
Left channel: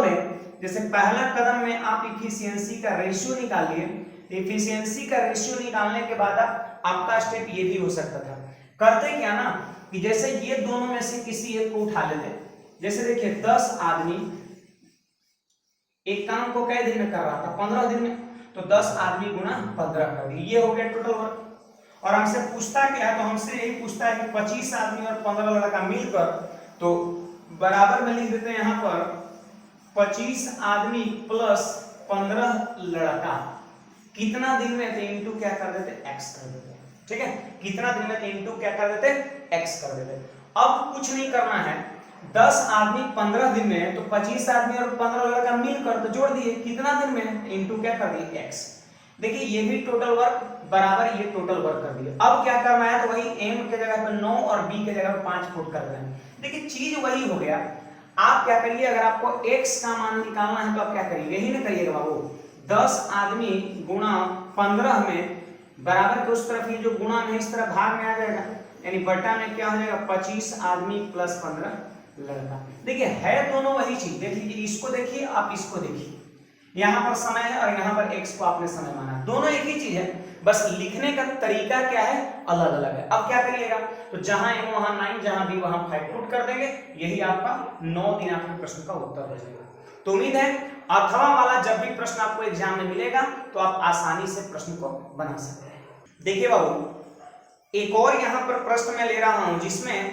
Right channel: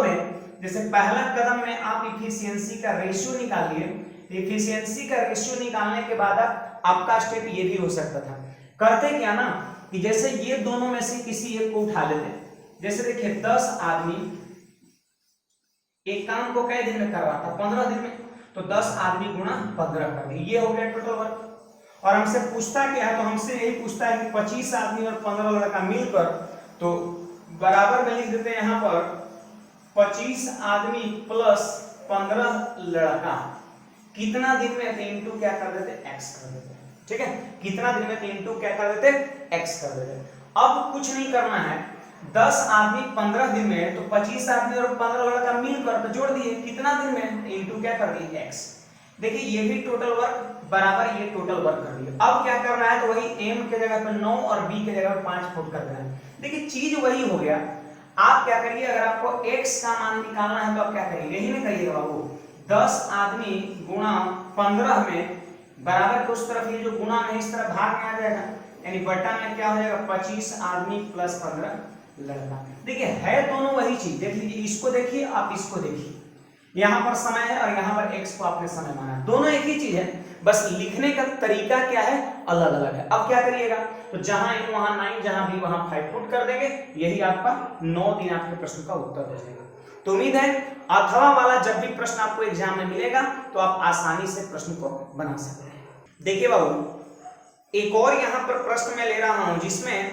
में जैसे पहला कदम में आप इफिशियंसी का रेशियो निकालिए, इफिशियंसी का रेशियो निकालने के बाद आपका स्टेप ये भी हो सकता था। करते क्या ना कि जैसे ये दोनों में से किसी एक को उठा लेते, जैसे देखिए 10 आदमी एक काम को कई दिन में करवा था, 15 दिन में, तो 10 आदमी गुणा 15 कर दिए, ये हो गया टोटल वर्क। और हमसे पूछता क्या है, तो हमसे यही पूछता है कि 25 आदमी और 15 लड़का मिलकर, तो बराबर में लिख देते हैं यहाँ पर 25 आदमी प्लस 15 लड़का कितना दिन में, तो इनटू क्या कर देते, x कर देते, ठीक है। कितना दिन में, तो इनटू क्या कर देते, x कर देते। अब कुछ नहीं करना है, 10 आदमी 15 दिन में, तो 25 आदमी और 15 लड़का मिलकर तो जोड़ दिए, कितना दिन में, इनटू क्या कर दिए, x। देखिए ये भी टोटल वर्क बराबर ये टोटल वर्क कर दिए। अब क्या करना है, तो वही m के जगह पर 9 और b के जगह पर 5 पुट कर देना है। देखिए चीज वही हो गया। आप क्या करिए, अगर आपको x का मान निकालना है तो आप क्या करिए, यही ना करिएगा बाबू, 10 आदमी गुणा 15 में बराबर के उस तरफ ये जो गुणा में इस तरफ भाग में आ जाएगा, यानी बटा में क्या हो जाएगा, 25 आदमी प्लस 15 लड़का। देखिए है दोनों वही चीज, देख लीजिए, इसको देखिए आप इसको देखिए, यहाँ पर समय है और यहाँ पर x को आपने समय माना, दोनों एक ही चीज है, बस लिखने का तरीका क्या है, अलग अलग है। अब क्या करिएगा, तो जहां m वहां 9, जहां b वहां 5 पुट कर देंगे, यही आपका 9 दिन आपके प्रश्न का उत्तर हो जाएगा। तो उम्मीद है अथवा वाला जब भी प्रश्न आपको एग्जाम में मिलेगा तो आप आसानी से प्रश्न को बना सकते हैं। देखिए बाबू एक और यहाँ पर प्रश्न मैं ले रहा हूं जिसमें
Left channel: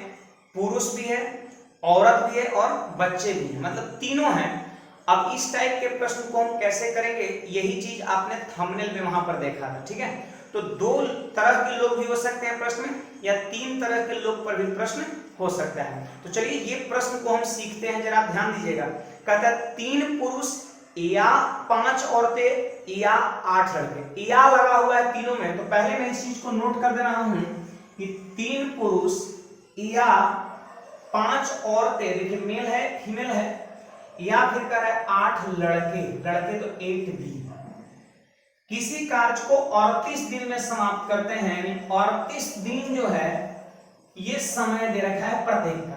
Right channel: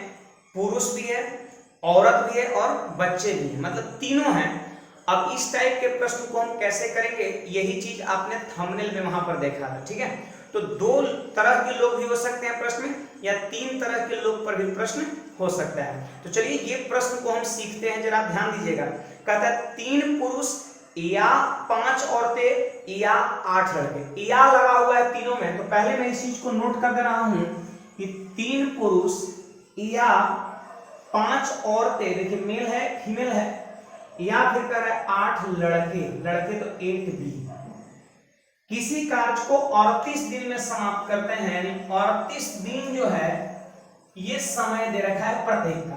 पुरुष भी है, औरत भी है और बच्चे भी हैं, मतलब तीनों हैं। अब इस टाइप के प्रश्न को हम कैसे करेंगे, यही चीज आपने थंबनेल में वहां पर देखा था, ठीक है। तो 2 तरह के लोग भी हो सकते हैं प्रश्न में, या 3 तरह के लोग पर भी प्रश्न हो सकता है। तो चलिए ये प्रश्न को हम सीखते हैं, जरा ध्यान दीजिएगा। कहता है 3 पुरुष या 5 औरतें या 8 लड़के, या लगा हुआ है तीनों में। तो पहले मैं इस चीज को नोट कर दे रहा हूं कि 3 पुरुष या 5 औरतें, देखिए मेल है फीमेल है, या फिर कह रहा है 8 लड़के तो 8 भी, किसी कार्य को 38 दिन में समाप्त करते हैं, यानी 38 दिन जो है ये समय दे रखा है प्रत्येक का।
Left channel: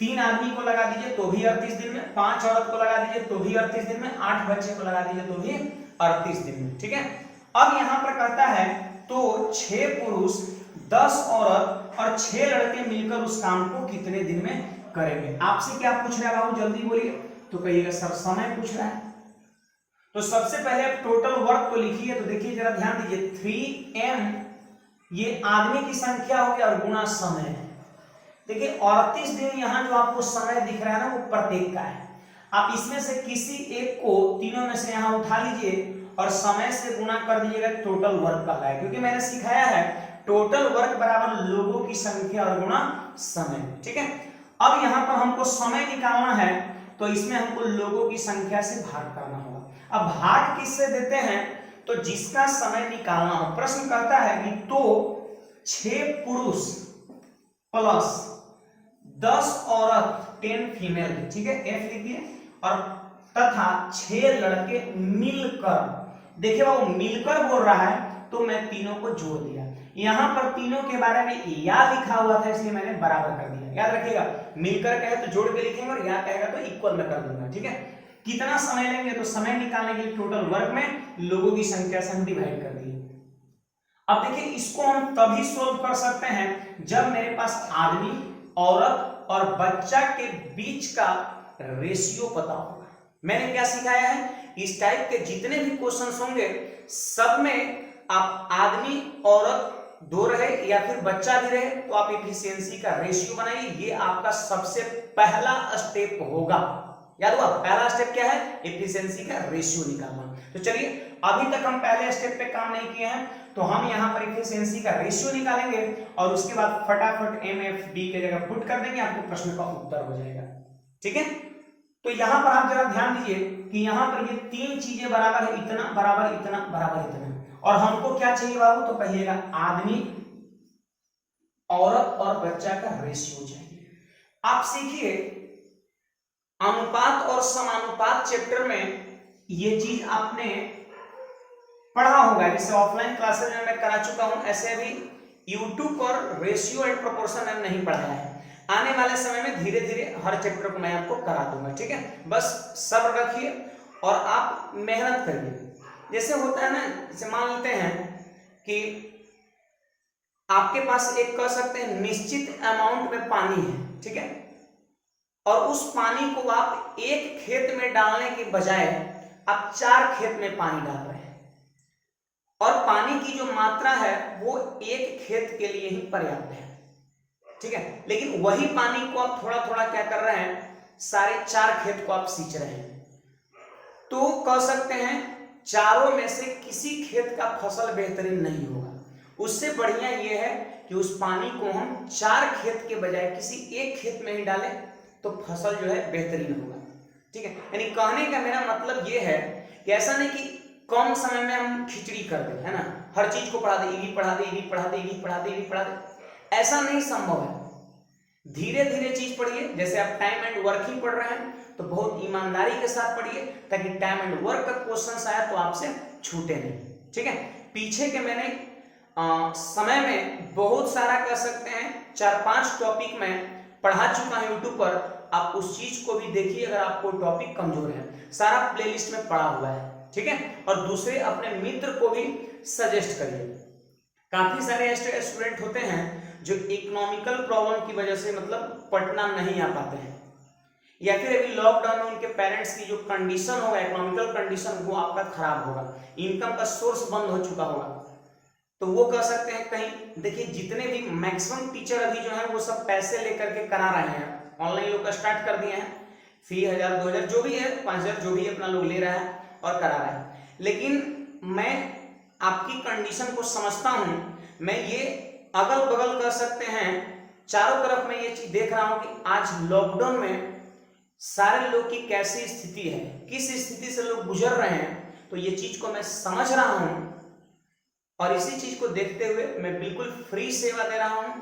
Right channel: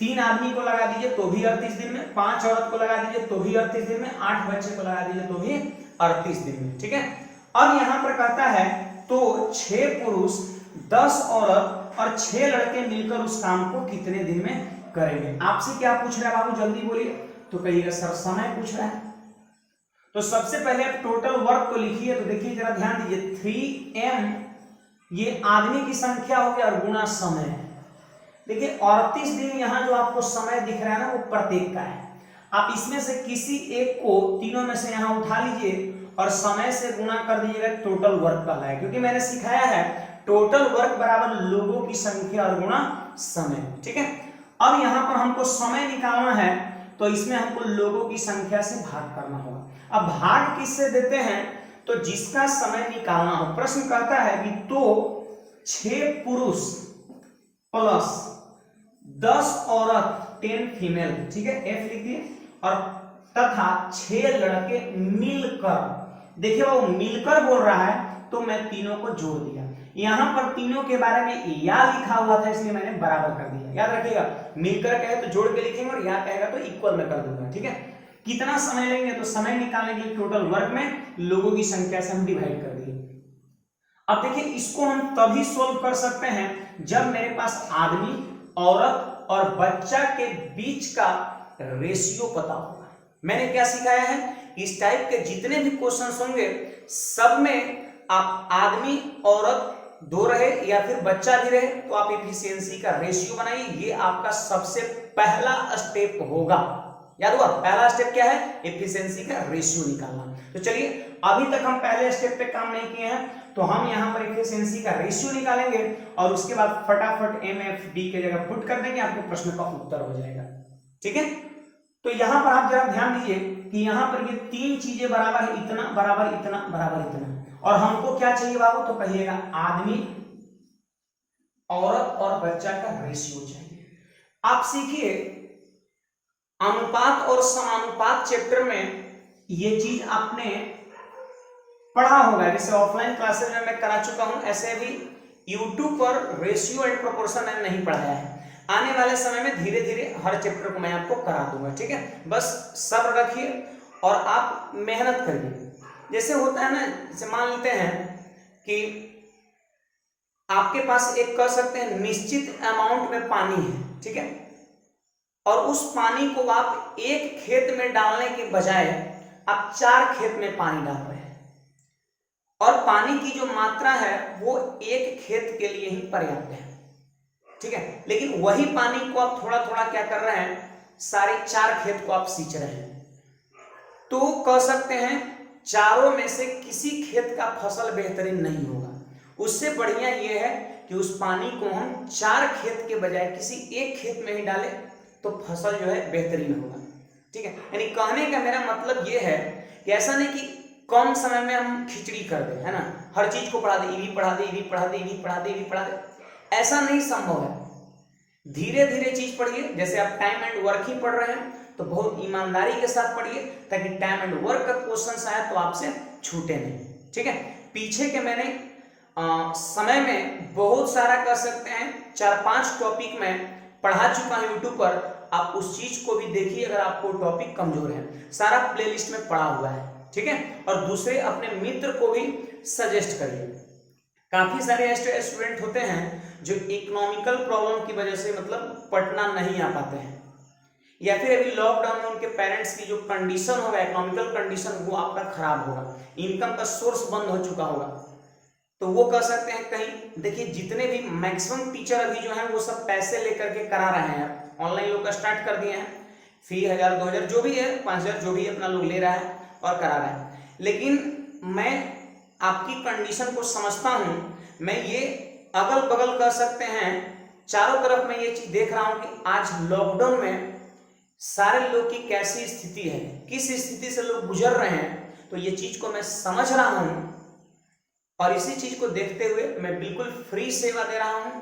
3 आदमी को लगा दीजिए तो भी 38 दिन में, 5 औरत को लगा दीजिए तो भी 38 दिन में, 8 बच्चे को लगा दीजिए तो भी 38 दिन में, ठीक है। अब यहां पर कहता है तो 6 पुरुष 10 औरत और 6 लड़के मिलकर उस काम को कितने दिन में करेंगे। आपसे क्या पूछ रहा है बाबू, जल्दी बोलिए। तो कहिएगा सर समय पूछ रहा है। तो सबसे पहले आप टोटल वर्क तो लिखिए। तो देखिए जरा ध्यान दीजिए, 3m ये आदमी की संख्या हो गया और गुणा समय है। देखिए 38 दिन यहाँ जो आपको समय दिख रहा है ना वो प्रत्येक का है। आप इसमें से किसी एक को, तीनों में से यहाँ उठा लीजिए और समय से गुणा कर दीजिएगा, टोटल वर्क का है। क्योंकि मैंने सिखाया है टोटल वर्क बराबर लोगों की संख्या और गुणा समय, ठीक है। अब यहाँ पर हमको समय निकालना है तो इसमें हमको लोगों की संख्या से भाग करना होगा। अब भाग किससे देते हैं, तो जिसका समय निकालना हो। प्रश्न कहता है कि तो 6 पुरुष प्लस 10 औरत 10 फीमेल, ठीक है, F लिखिए, और तथा 6 लड़के मिलकर, देखिए वो मिलकर बोल रहा है तो मैं तीनों को जोड़ दिया, यहाँ पर तीनों के बारे में या लिखा हुआ था इसलिए मैंने बराबर कर दिया। याद रखिएगा, मिलकर कहे तो जोड़ के लिखेंगे और या कहेगा तो इक्वल में कर दूंगा। ठीक है, कितना समय लेंगे तो समय निकालने के लिए टोटल वर्क में लोगों की संख्या से हम डिवाइड कर दिए। अब देखिए इसको हम तभी सोल्व कर सकते हैं जब मेरे पास आदमी, औरत और बच्चा के बीच का रेशियो पता होगा। मैंने क्या सिखाया है, इस टाइप के जितने भी क्वेश्चंस होंगे सब में आप आदमी औरत दो रहे या फिर बच्चा भी रहे तो आप एफिशिएंसी का रेशियो बनाइए। ये आपका सबसे पहला स्टेप होगा। याद हुआ, पहला स्टेप क्या है, एफिशिएंसी का रेशियो निकालना। तो चलिए अभी तक हम पहले स्टेप पे काम नहीं किए हैं तो हम यहाँ पर एफिशिएंसी का रेशियो निकालेंगे और उसके बाद फटाफट MFD के जगह पुट कर देंगे, आपके प्रश्न का उत्तर हो जाएगा। ठीक है, तो यहाँ पर आप जरा ध्यान दीजिए कि यहाँ पर ये तीन चीजें बराबर है, इतना बराबर इतना बराबर इतना, और हमको क्या चाहिए बाबू, तो कहिएगा आदमी, औरत और बच्चा का रेशियो चाहिए। आप सीखिए अनुपात और समानुपात चैप्टर में ये चीज आपने पढ़ा होगा, जैसे ऑफलाइन क्लासेस में मैं करा चुका हूं, ऐसे अभी यूट्यूब पर रेशियो एंड प्रोपोर्शन मैंने नहीं पढ़ाया है। आने वाले समय में धीरे धीरे हर चैप्टर को मैं आपको करा दूंगा। ठीक है, बस सब्र रखिए और आप मेहनत करिए। जैसे होता है ना, जैसे मान लेते हैं कि आपके पास एक कह सकते हैं निश्चित अमाउंट में पानी है, ठीक है, और उस पानी को आप एक खेत में डालने के बजाय आप 4 खेत में पानी डाल रहे हैं और पानी की जो मात्रा है वो एक खेत के लिए ही पर्याप्त है। ठीक है, लेकिन वही पानी को आप थोड़ा थोड़ा क्या कर रहे हैं, सारे 4 खेत को आप सींच रहे हैं, तो कह सकते हैं चारों में से किसी खेत का फसल बेहतरीन नहीं होगा। उससे बढ़िया यह है कि उस पानी को हम 4 खेत के बजाय किसी एक खेत में ही डालें तो फसल जो है बेहतरीन होगा। ठीक है, यानी कहने का मेरा मतलब यह है कि ऐसा नहीं कि कम समय में हम खिचड़ी कर दें, है ना, हर चीज को पढ़ा दे, ये पढ़ा दे, ये पढ़ा दे, ये पढ़ा दे, ये पढ़ा दे, ऐसा नहीं संभव है। धीरे धीरे चीज पढ़िए। जैसे आप टाइम एंड वर्क ही पढ़ रहे हैं तो बहुत ईमानदारी के साथ पढ़िए ताकि टाइम एंड वर्क का क्वेश्चन आया तो आपसे छूटे नहीं। ठीक है, पीछे के मैंने समय में बहुत सारा कह सकते हैं 4-5 टॉपिक में पढ़ा चुका हूं यूट्यूब पर, आप उस चीज को भी देखिए अगर आपको टॉपिक कमजोर है, सारा प्लेलिस्ट में पड़ा हुआ है। ठीक है, और दूसरे अपने मित्र को भी सजेस्ट करिए। काफी सारे ऐसे स्टूडेंट होते हैं जो इकोनॉमिकल प्रॉब्लम की वजह से मतलब पढ़ना नहीं आ पाते हैं, या फिर अभी लॉकडाउन में उनके पेरेंट्स की जो कंडीशन होगा, इकोनॉमिकल कंडीशन, वो आपका खराब होगा, इनकम का सोर्स बंद हो चुका होगा, तो वो कह सकते हैं कहीं। देखिए जितने भी मैक्सिमम टीचर अभी जो है वो सब पैसे लेकर के करा रहे हैं, ऑनलाइन लोग स्टार्ट कर दिए हैं, फी 1000-2000 जो भी है, 5000 जो भी अपना लोग ले रहा है और करा रहा है। लेकिन मैं आपकी कंडीशन को समझता हूं, मैं ये अगल बगल कह सकते हैं चारों तरफ मैं ये चीज देख रहा हूं कि आज लॉकडाउन में सारे लोग की कैसी स्थिति है, किस स्थिति से लोग गुजर रहे हैं, तो ये चीज को मैं समझ रहा हूं और इसी चीज को देखते हुए मैं बिल्कुल फ्री सेवा दे रहा हूं।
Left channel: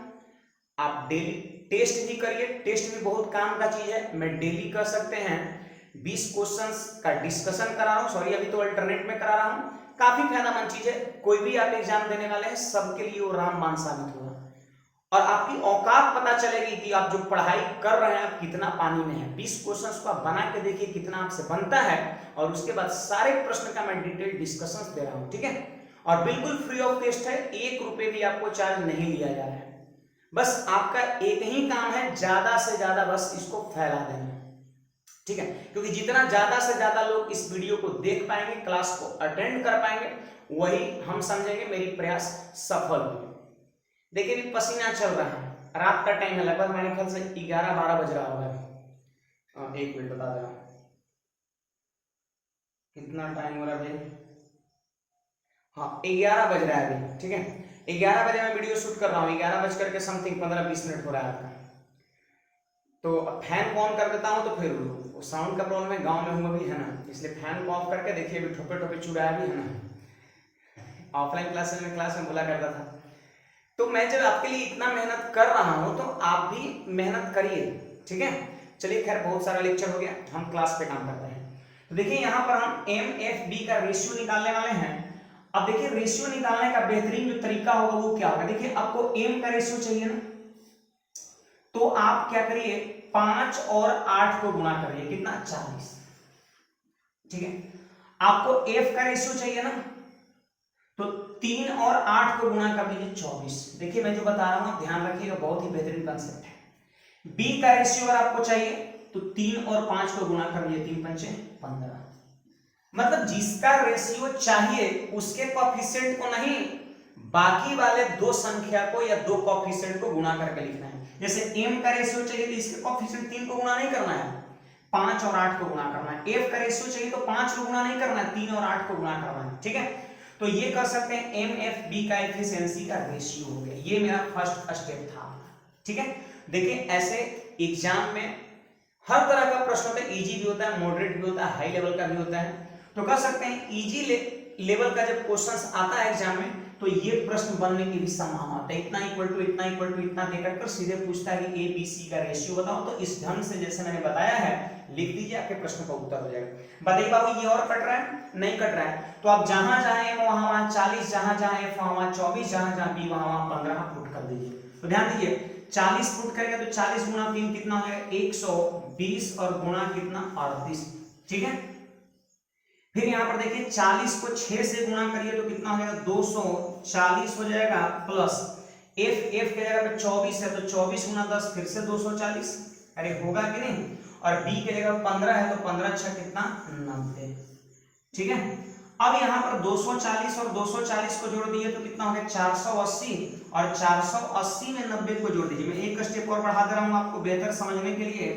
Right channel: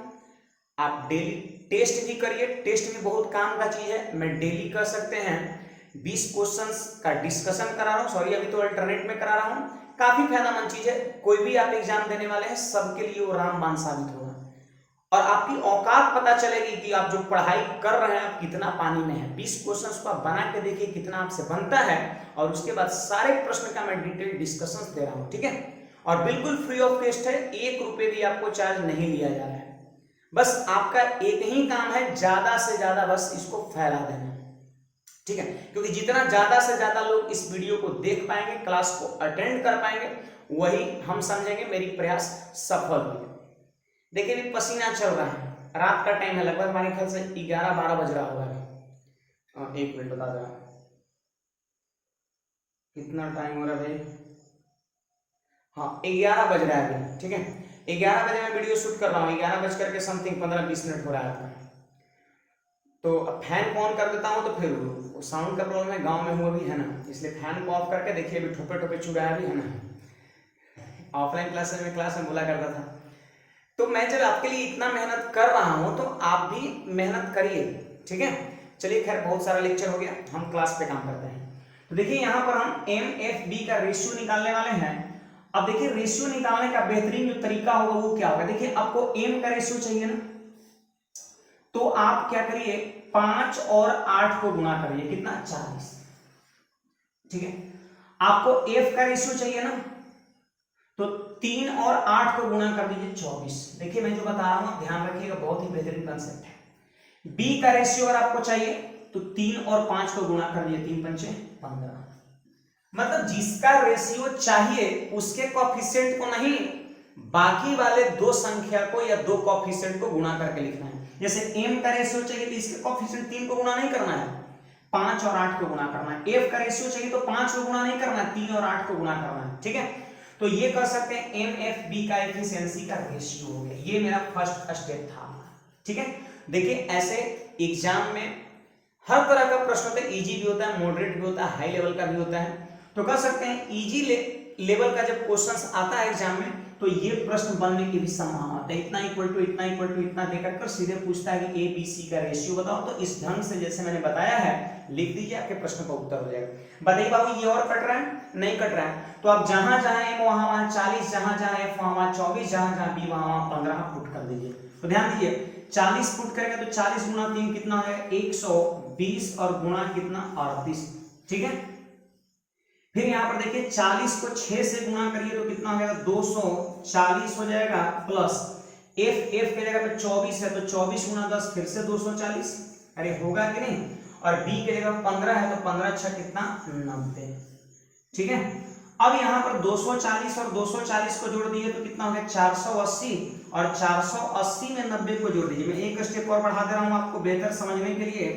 आप डेली टेस्ट भी करिए, टेस्ट भी बहुत काम का चीज है। मैं डेली कर सकते हैं 20 क्वेश्चंस का डिस्कशन करा रहा हूं, सॉरी अभी तो अल्टरनेट में करा रहा हूं, काफी फायदेमंद चीज है। कोई भी आप एग्जाम देने वाले हैं सबके लिए वो रामबाण साबित होगा और आपकी औकात पता चलेगी कि आप जो पढ़ाई कर रहे हैं आप कितना पानी में है। 20 क्वेश्चंस को आप बना के देखिए कितना आपसे बनता है और उसके बाद सारे प्रश्न का मैं डिटेल डिस्कशन दे रहा हूं। ठीक है, और बिल्कुल फ्री ऑफ कॉस्ट है, 1 रुपए भी आपको चार्ज नहीं लिया जा रहा है। बस आपका एक ही काम है, ज्यादा से ज्यादा बस इसको फैला देना। ठीक है, क्योंकि जितना ज्यादा से ज्यादा लोग इस वीडियो को देख पाएंगे, क्लास को अटेंड कर पाएंगे, वही हम समझेंगे मेरी प्रयास सफल हुए। देखिए पसीना चल रहा है, रात का टाइम है, लगभग हमारे ख्याल से 11-12 बज रहा होगा। एक मिनट बता देना कितना टाइम हो रहा है भाई। हाँ 11 बज रहा है अभी। ठीक है, 11 बजे मैं वीडियो शूट कर रहा हूँ, 11 बज करके समथिंग 15-20 मिनट हो रहा है आपका। तो अब फैन को ऑन कर देता हूँ तो फिर साउंड का प्रॉब्लम है, गांव में हूँ अभी, है ना, इसलिए फैन को ऑफ करके देखिए अभी ठोपे ठोपे चू रहा है अभी, है ना। ऑफलाइन क्लासेस में क्लास में बोला करता था। तो मैं जब आपके लिए इतना मेहनत कर रहा हूं तो आप भी मेहनत करिए। ठीक है, चलिए खैर बहुत सारा लेक्चर हो गया, हम क्लास पे काम करते हैं। तो देखिए यहाँ पर हम MFD का रेशियो निकालने वाले हैं। अब देखिए रेशियो निकालने का बेहतरीन जो तरीका होगा वो क्या होगा, देखिए आपको m का रेशियो चाहिए ना, तो आप क्या करिए 5 और 8 को गुणा करिए, कितना 40, ठीक है। आपको f का रेशियो चाहिए ना, तो 3 और 8 को गुणा कर दीजिए 24। देखिए मैं जो बता रहा हूं ध्यान रखिएगा, बहुत ही बेहतरीन कंसेप्ट है। b का रेशियो अगर आपको चाहिए तो 3 और 5 को गुणा कर दिए, 3 पंचे 15। मतलब जिसका रेशियो चाहिए उसके कोएफिशिएंट को नहीं, बाकी वाले दो संख्या को या दो कोएफिशिएंट को गुणा करके लिखना है। जैसे m का रेशियो चाहिए तो इसके कोएफिशिएंट 3 को गुणा नहीं करना है, 5 और 8 को गुणा करना है। f का रेशियो चाहिए तो 5 को गुणा नहीं करना है, 3 और 8 को गुणा करना है, ठीक है। तो ये कर सकते हैं MFB का एफिशिएंसी का रेशियो हो गया, ये मेरा फर्स्ट स्टेप था, ठीक है। देखिए ऐसे एग्जाम में हर तरह का प्रश्न होता है, इजी भी होता है, मॉडरेट भी होता है, हाई लेवल का भी होता है। तो कर सकते हैं इजी लेवल का जब क्वेश्चंस आता है एग्जाम में तो ये प्रश्न बनने की भी संभावना होता है। इतना इक्वल टू इतना इक्वल टू इतना देकर कर सीधे पूछता है कि ABC का रेशियो बताओ, तो इस ढंग से जैसे मैंने बताया है लिख दीजिए, आपके प्रश्न का उत्तर हो जाएगा। बताइए बाबू ये और कट रहा है, नहीं कट रहा है, तो आप जहां जहां m वहां 40, जहां जहां f वहां 24, जहां जहां b वहां 15 पुट कर दीजिए। तो ध्यान दीजिए 40 पुट करेंगे तो 40 गुणा 3 कितना है 120 और गुणा कितना 38, ठीक है। फिर यहां पर देखिए 40 को 6 से गुणा करिए तो कितना हो जाएगा 240 हो जाएगा, प्लस f के जगह पे 24 है तो 24 गुणा 10 फिर से 240, अरे होगा कि नहीं। और b के जगह 15 है तो 15 6 कितना 90, ठीक है। अब यहाँ पर 240 और 240 को जोड़ दिए तो कितना हो गया 480, और 480 में 90 को जोड़ दीजिए। मैं एक स्टेप और बढ़ा दे रहा हूँ आपको बेहतर समझने के लिए,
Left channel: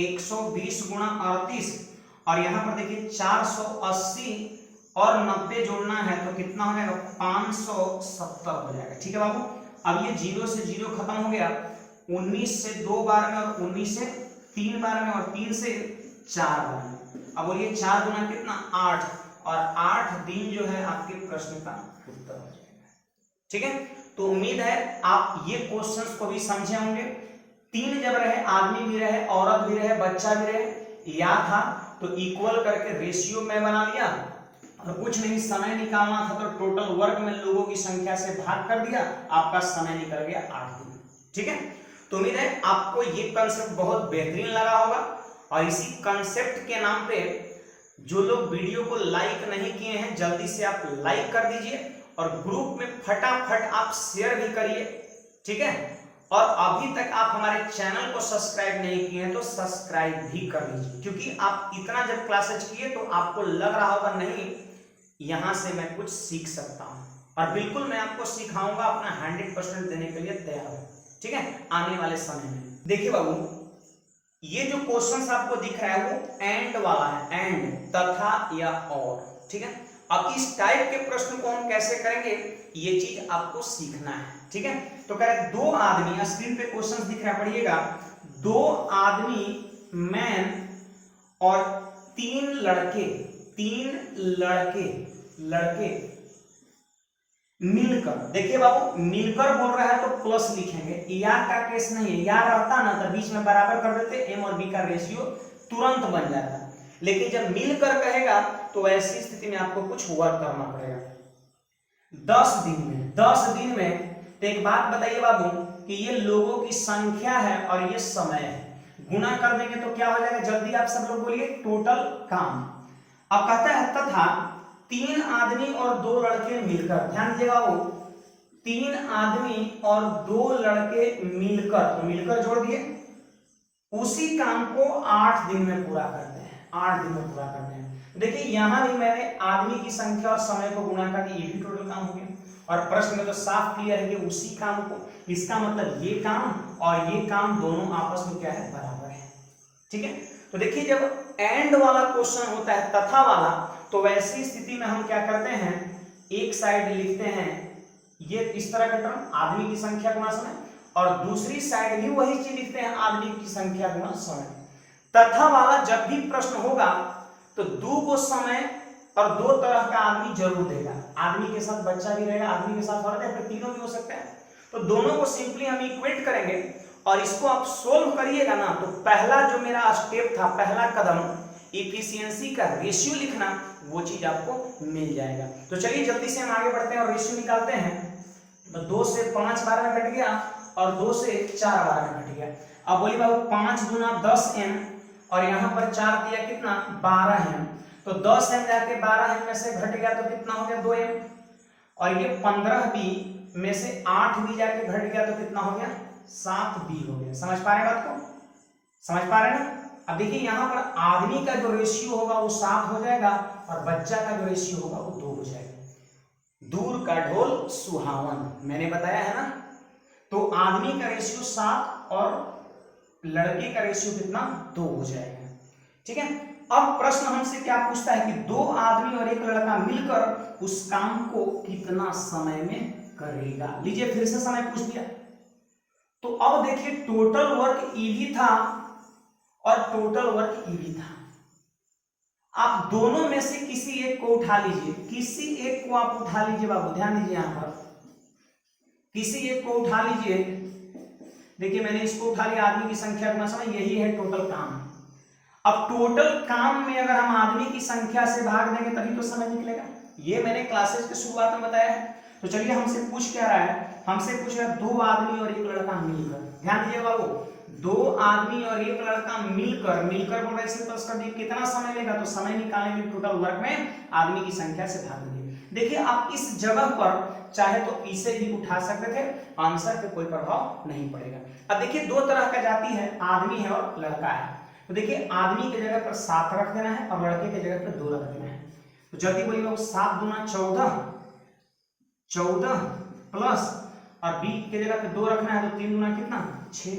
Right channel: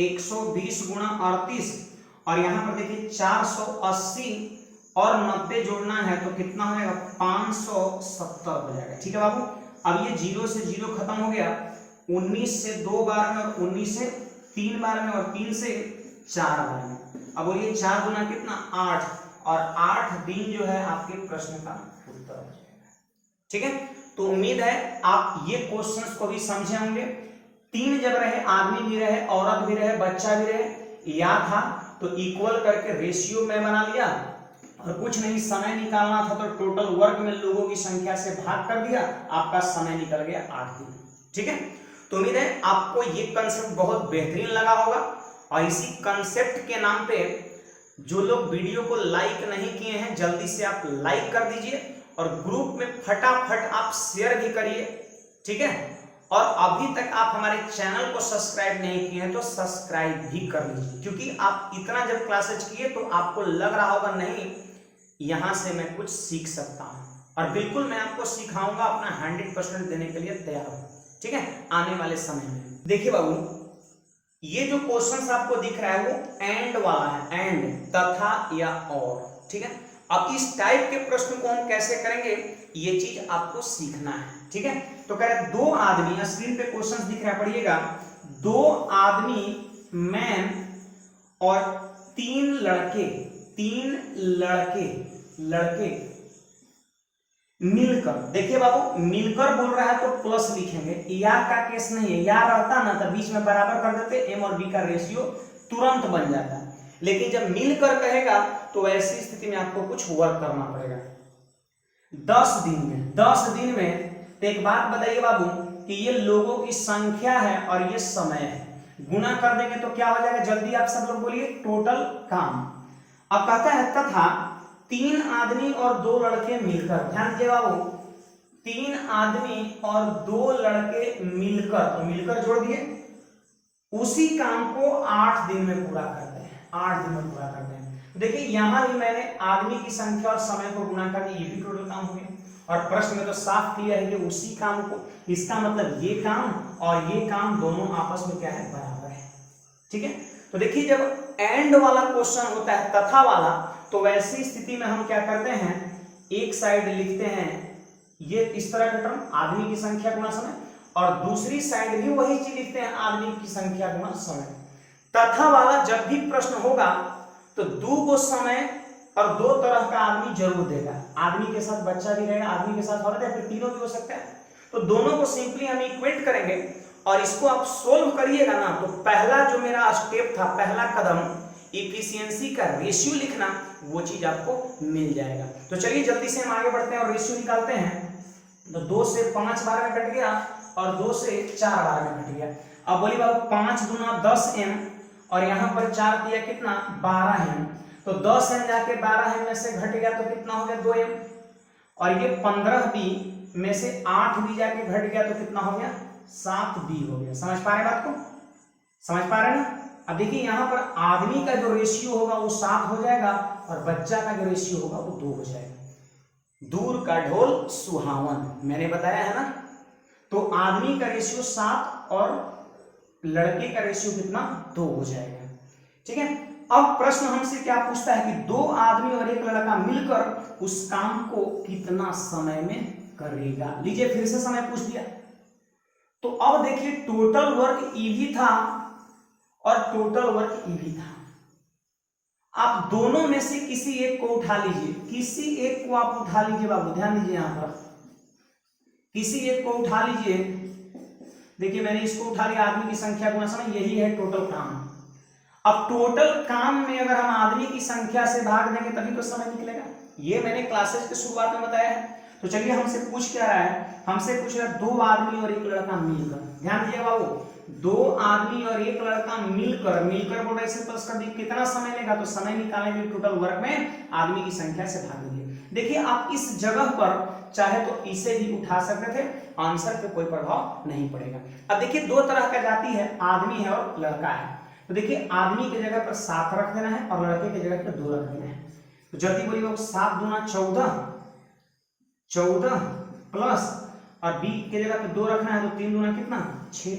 120 गुणा 38, और यहाँ पर देखिए 480 और 90 जोड़ना है तो कितना हो जाएगा 570 हो जाएगा, ठीक है बाबू। अब ये 0 से 0 खत्म हो गया, 19 से 2 बार में, और 19 से 3 बार में, और 3 से 4 बार में। अब बोलिए 4 गुना कितना 8, और 8 दिन जो है आपके प्रश्न का उत्तर हो जाएगा, ठीक है। तो उम्मीद है आप ये क्वेश्चंस को भी समझे होंगे। 3 जब रहे, आदमी भी रहे, औरत भी रहे, बच्चा भी रहे, या था तो इक्वल करके रेशियो में बना लिया, और कुछ नहीं समय निकालना था तो टोटल वर्क में लोगों की संख्या से भाग कर दिया, आपका समय निकल गया 8 दिन, ठीक है। तो उम्मीद है आपको ये कंसेप्ट बहुत बेहतरीन लगा होगा, और इसी कंसेप्ट के नाम पे जो लोग वीडियो को लाइक नहीं किए हैं जल्दी से आप लाइक कर दीजिए, और ग्रुप में फटाफट आप शेयर भी करिए, ठीक है। और अभी तक आप हमारे चैनल को सब्सक्राइब नहीं किए हैं तो सब्सक्राइब भी कर लीजिए, क्योंकि आप इतना जब क्लासेज किए तो आपको लग रहा होगा नहीं यहाँ से मैं कुछ सीख सकता हूँ, और बिल्कुल मैं आपको सिखाऊंगा, अपना 100% देने के लिए तैयार हूँ, ठीक है, आने वाले समय में। देखिए बाबू ये जो क्वेश्चंस आपको दिख रहा है वो एंड वाला है, एंड, तथा या और, ठीक है। अब इस टाइप के प्रश्न को हम कैसे करेंगे ये चीज आपको सीखना है, ठीक है। तो कह रहा है 2 आदमी, स्क्रीन पे क्वेश्चंस दिख रहा है पढ़िएगा, 2 आदमी मैन और 3 लड़के मिलकर, देखिए बाबू मिलकर बोल रहा है तो प्लस लिखेंगे, या का केस नहीं है, या रहता ना तो बीच में बराबर कर देते, एम और बी का रेशियो तुरंत बन जाता, लेकिन जब मिलकर कहेगा तो ऐसी स्थिति में आपको कुछ वर्क करना पड़ेगा। 10 दिन में तो एक बात बताइए बाबू कि ये लोगों की संख्या है और ये समय है, गुना कर देंगे तो क्या हो जाएगा, जल्दी आप सब लोग बोलिए, टोटल काम। अब कहता है तथा 3 आदमी और 2 लड़के मिलकर, ध्यान दीजिएगा बाबू, 3 आदमी और 2 लड़के मिलकर, तो मिलकर जोड़ दिए, उसी काम को 8 दिन में पूरा करते हैं, 8 दिन में पूरा करते हैं। देखिए यहां भी मैंने आदमी की संख्या और समय को गुणा करके ये भी टोटल काम हो गया, और प्रश्न में तो साफ क्लियर है कि उसी काम को, इसका मतलब ये काम और ये काम दोनों आपस में क्या है, बराबर है, ठीक है। तो देखिए जब एंड वाला क्वेश्चन होता है, तथा वाला, तो वैसी स्थिति में हम क्या करते हैं, एक साइड लिखते हैं ये इस तरह का टर्म आदमी की संख्या गुणा समय, और दूसरी साइड भी वही चीज लिखते हैं आदमी की संख्या गुणा समय। तथा वाला जब भी प्रश्न होगा तो 2 को समय और 2 तरह का आदमी जरूर देगा, आदमी के साथ बच्चा भी रहेगा, आदमी के साथ औरत, या फिर तीनों भी हो सकता है। तो दोनों को सिंपली हम इक्वेट करेंगे, और इसको आप सोल्व करिएगा ना, तो पहला जो मेरा स्टेप था, पहला कदम, इफिशियंसी का रेशियो लिखना, वो चीज आपको मिल जाएगा। तो चलिए जल्दी से हम आगे बढ़ते हैं और रेशियो निकालते हैं। तो 2 से 5 बार में कट गया और 2 से 4 बार में कट गया। अब बोलिए बाबू 5 गुना 10m और यहाँ पर 4 दिया कितना 12m, तो 10m जाके 12m में से घट गया तो कितना हो गया 2m, और ये 15b में से 8b जाके घट गया तो कितना हो गया 7b हो गया। समझ पा रहे हैं बात को, समझ पा रहे हैं ना। अब देखिए यहाँ पर आदमी का जो रेशियो होगा वो 7 हो जाएगा और बच्चा का जो रेशियो होगा वो 2 हो जाएगा। दूर का ढोल सुहावन, मैंने बताया है ना। तो आदमी का रेशियो 7 और लड़के का रेशियो कितना 2 हो जाएगा। ठीक है, अब प्रश्न हमसे क्या पूछता है कि 2 आदमी और 1 लड़का मिलकर उस काम को कितना समय में करेगा। लीजिए फिर से समय पूछ दिया। तो अब देखिए टोटल वर्क ईवी था और टोटल वर्क ईवी था। आप दोनों में से किसी एक को उठा लीजिए, किसी एक को आप उठा लीजिए बाबू, ध्यान दीजिए यहां पर, किसी एक को उठा लीजिए। देखिए मैंने इसको उठा लिया, आदमी की संख्या गुना समय, यही है टोटल काम। अब टोटल काम में अगर हम आदमी की संख्या से भाग देंगे तभी तो समय निकलेगा। ये मैंने क्लासेस के शुरुआत में बताया है। तो चलिए हमसे पूछ क्या रहा है, हमसे पूछेगा 2 आदमी और 1 लड़का मिलकर। ध्यान दीजिए बाबू, 2 आदमी और 1 लड़का मिलकर, मिलकर को वैसे प्लस कर दिए, कितना समय लेगा, तो समय निकालने के लिए टोटल वर्क में आदमी की संख्या से भाग देंगे। देखिए आप इस जगह पर चाहे तो इसे भी उठा सकते थे, आंसर पे कोई प्रभाव नहीं पड़ेगा। अब देखिए 2 तरह का जाति है, आदमी है और लड़का है। तो देखिए आदमी की जगह पर 7 रख देना है और लड़के की जगह पर 2 रख देना है। तो जल्दी बोलिए 7 दूना 14 प्लस और बी की जगह पे 2 रखना है तो 3 दूना कितना 6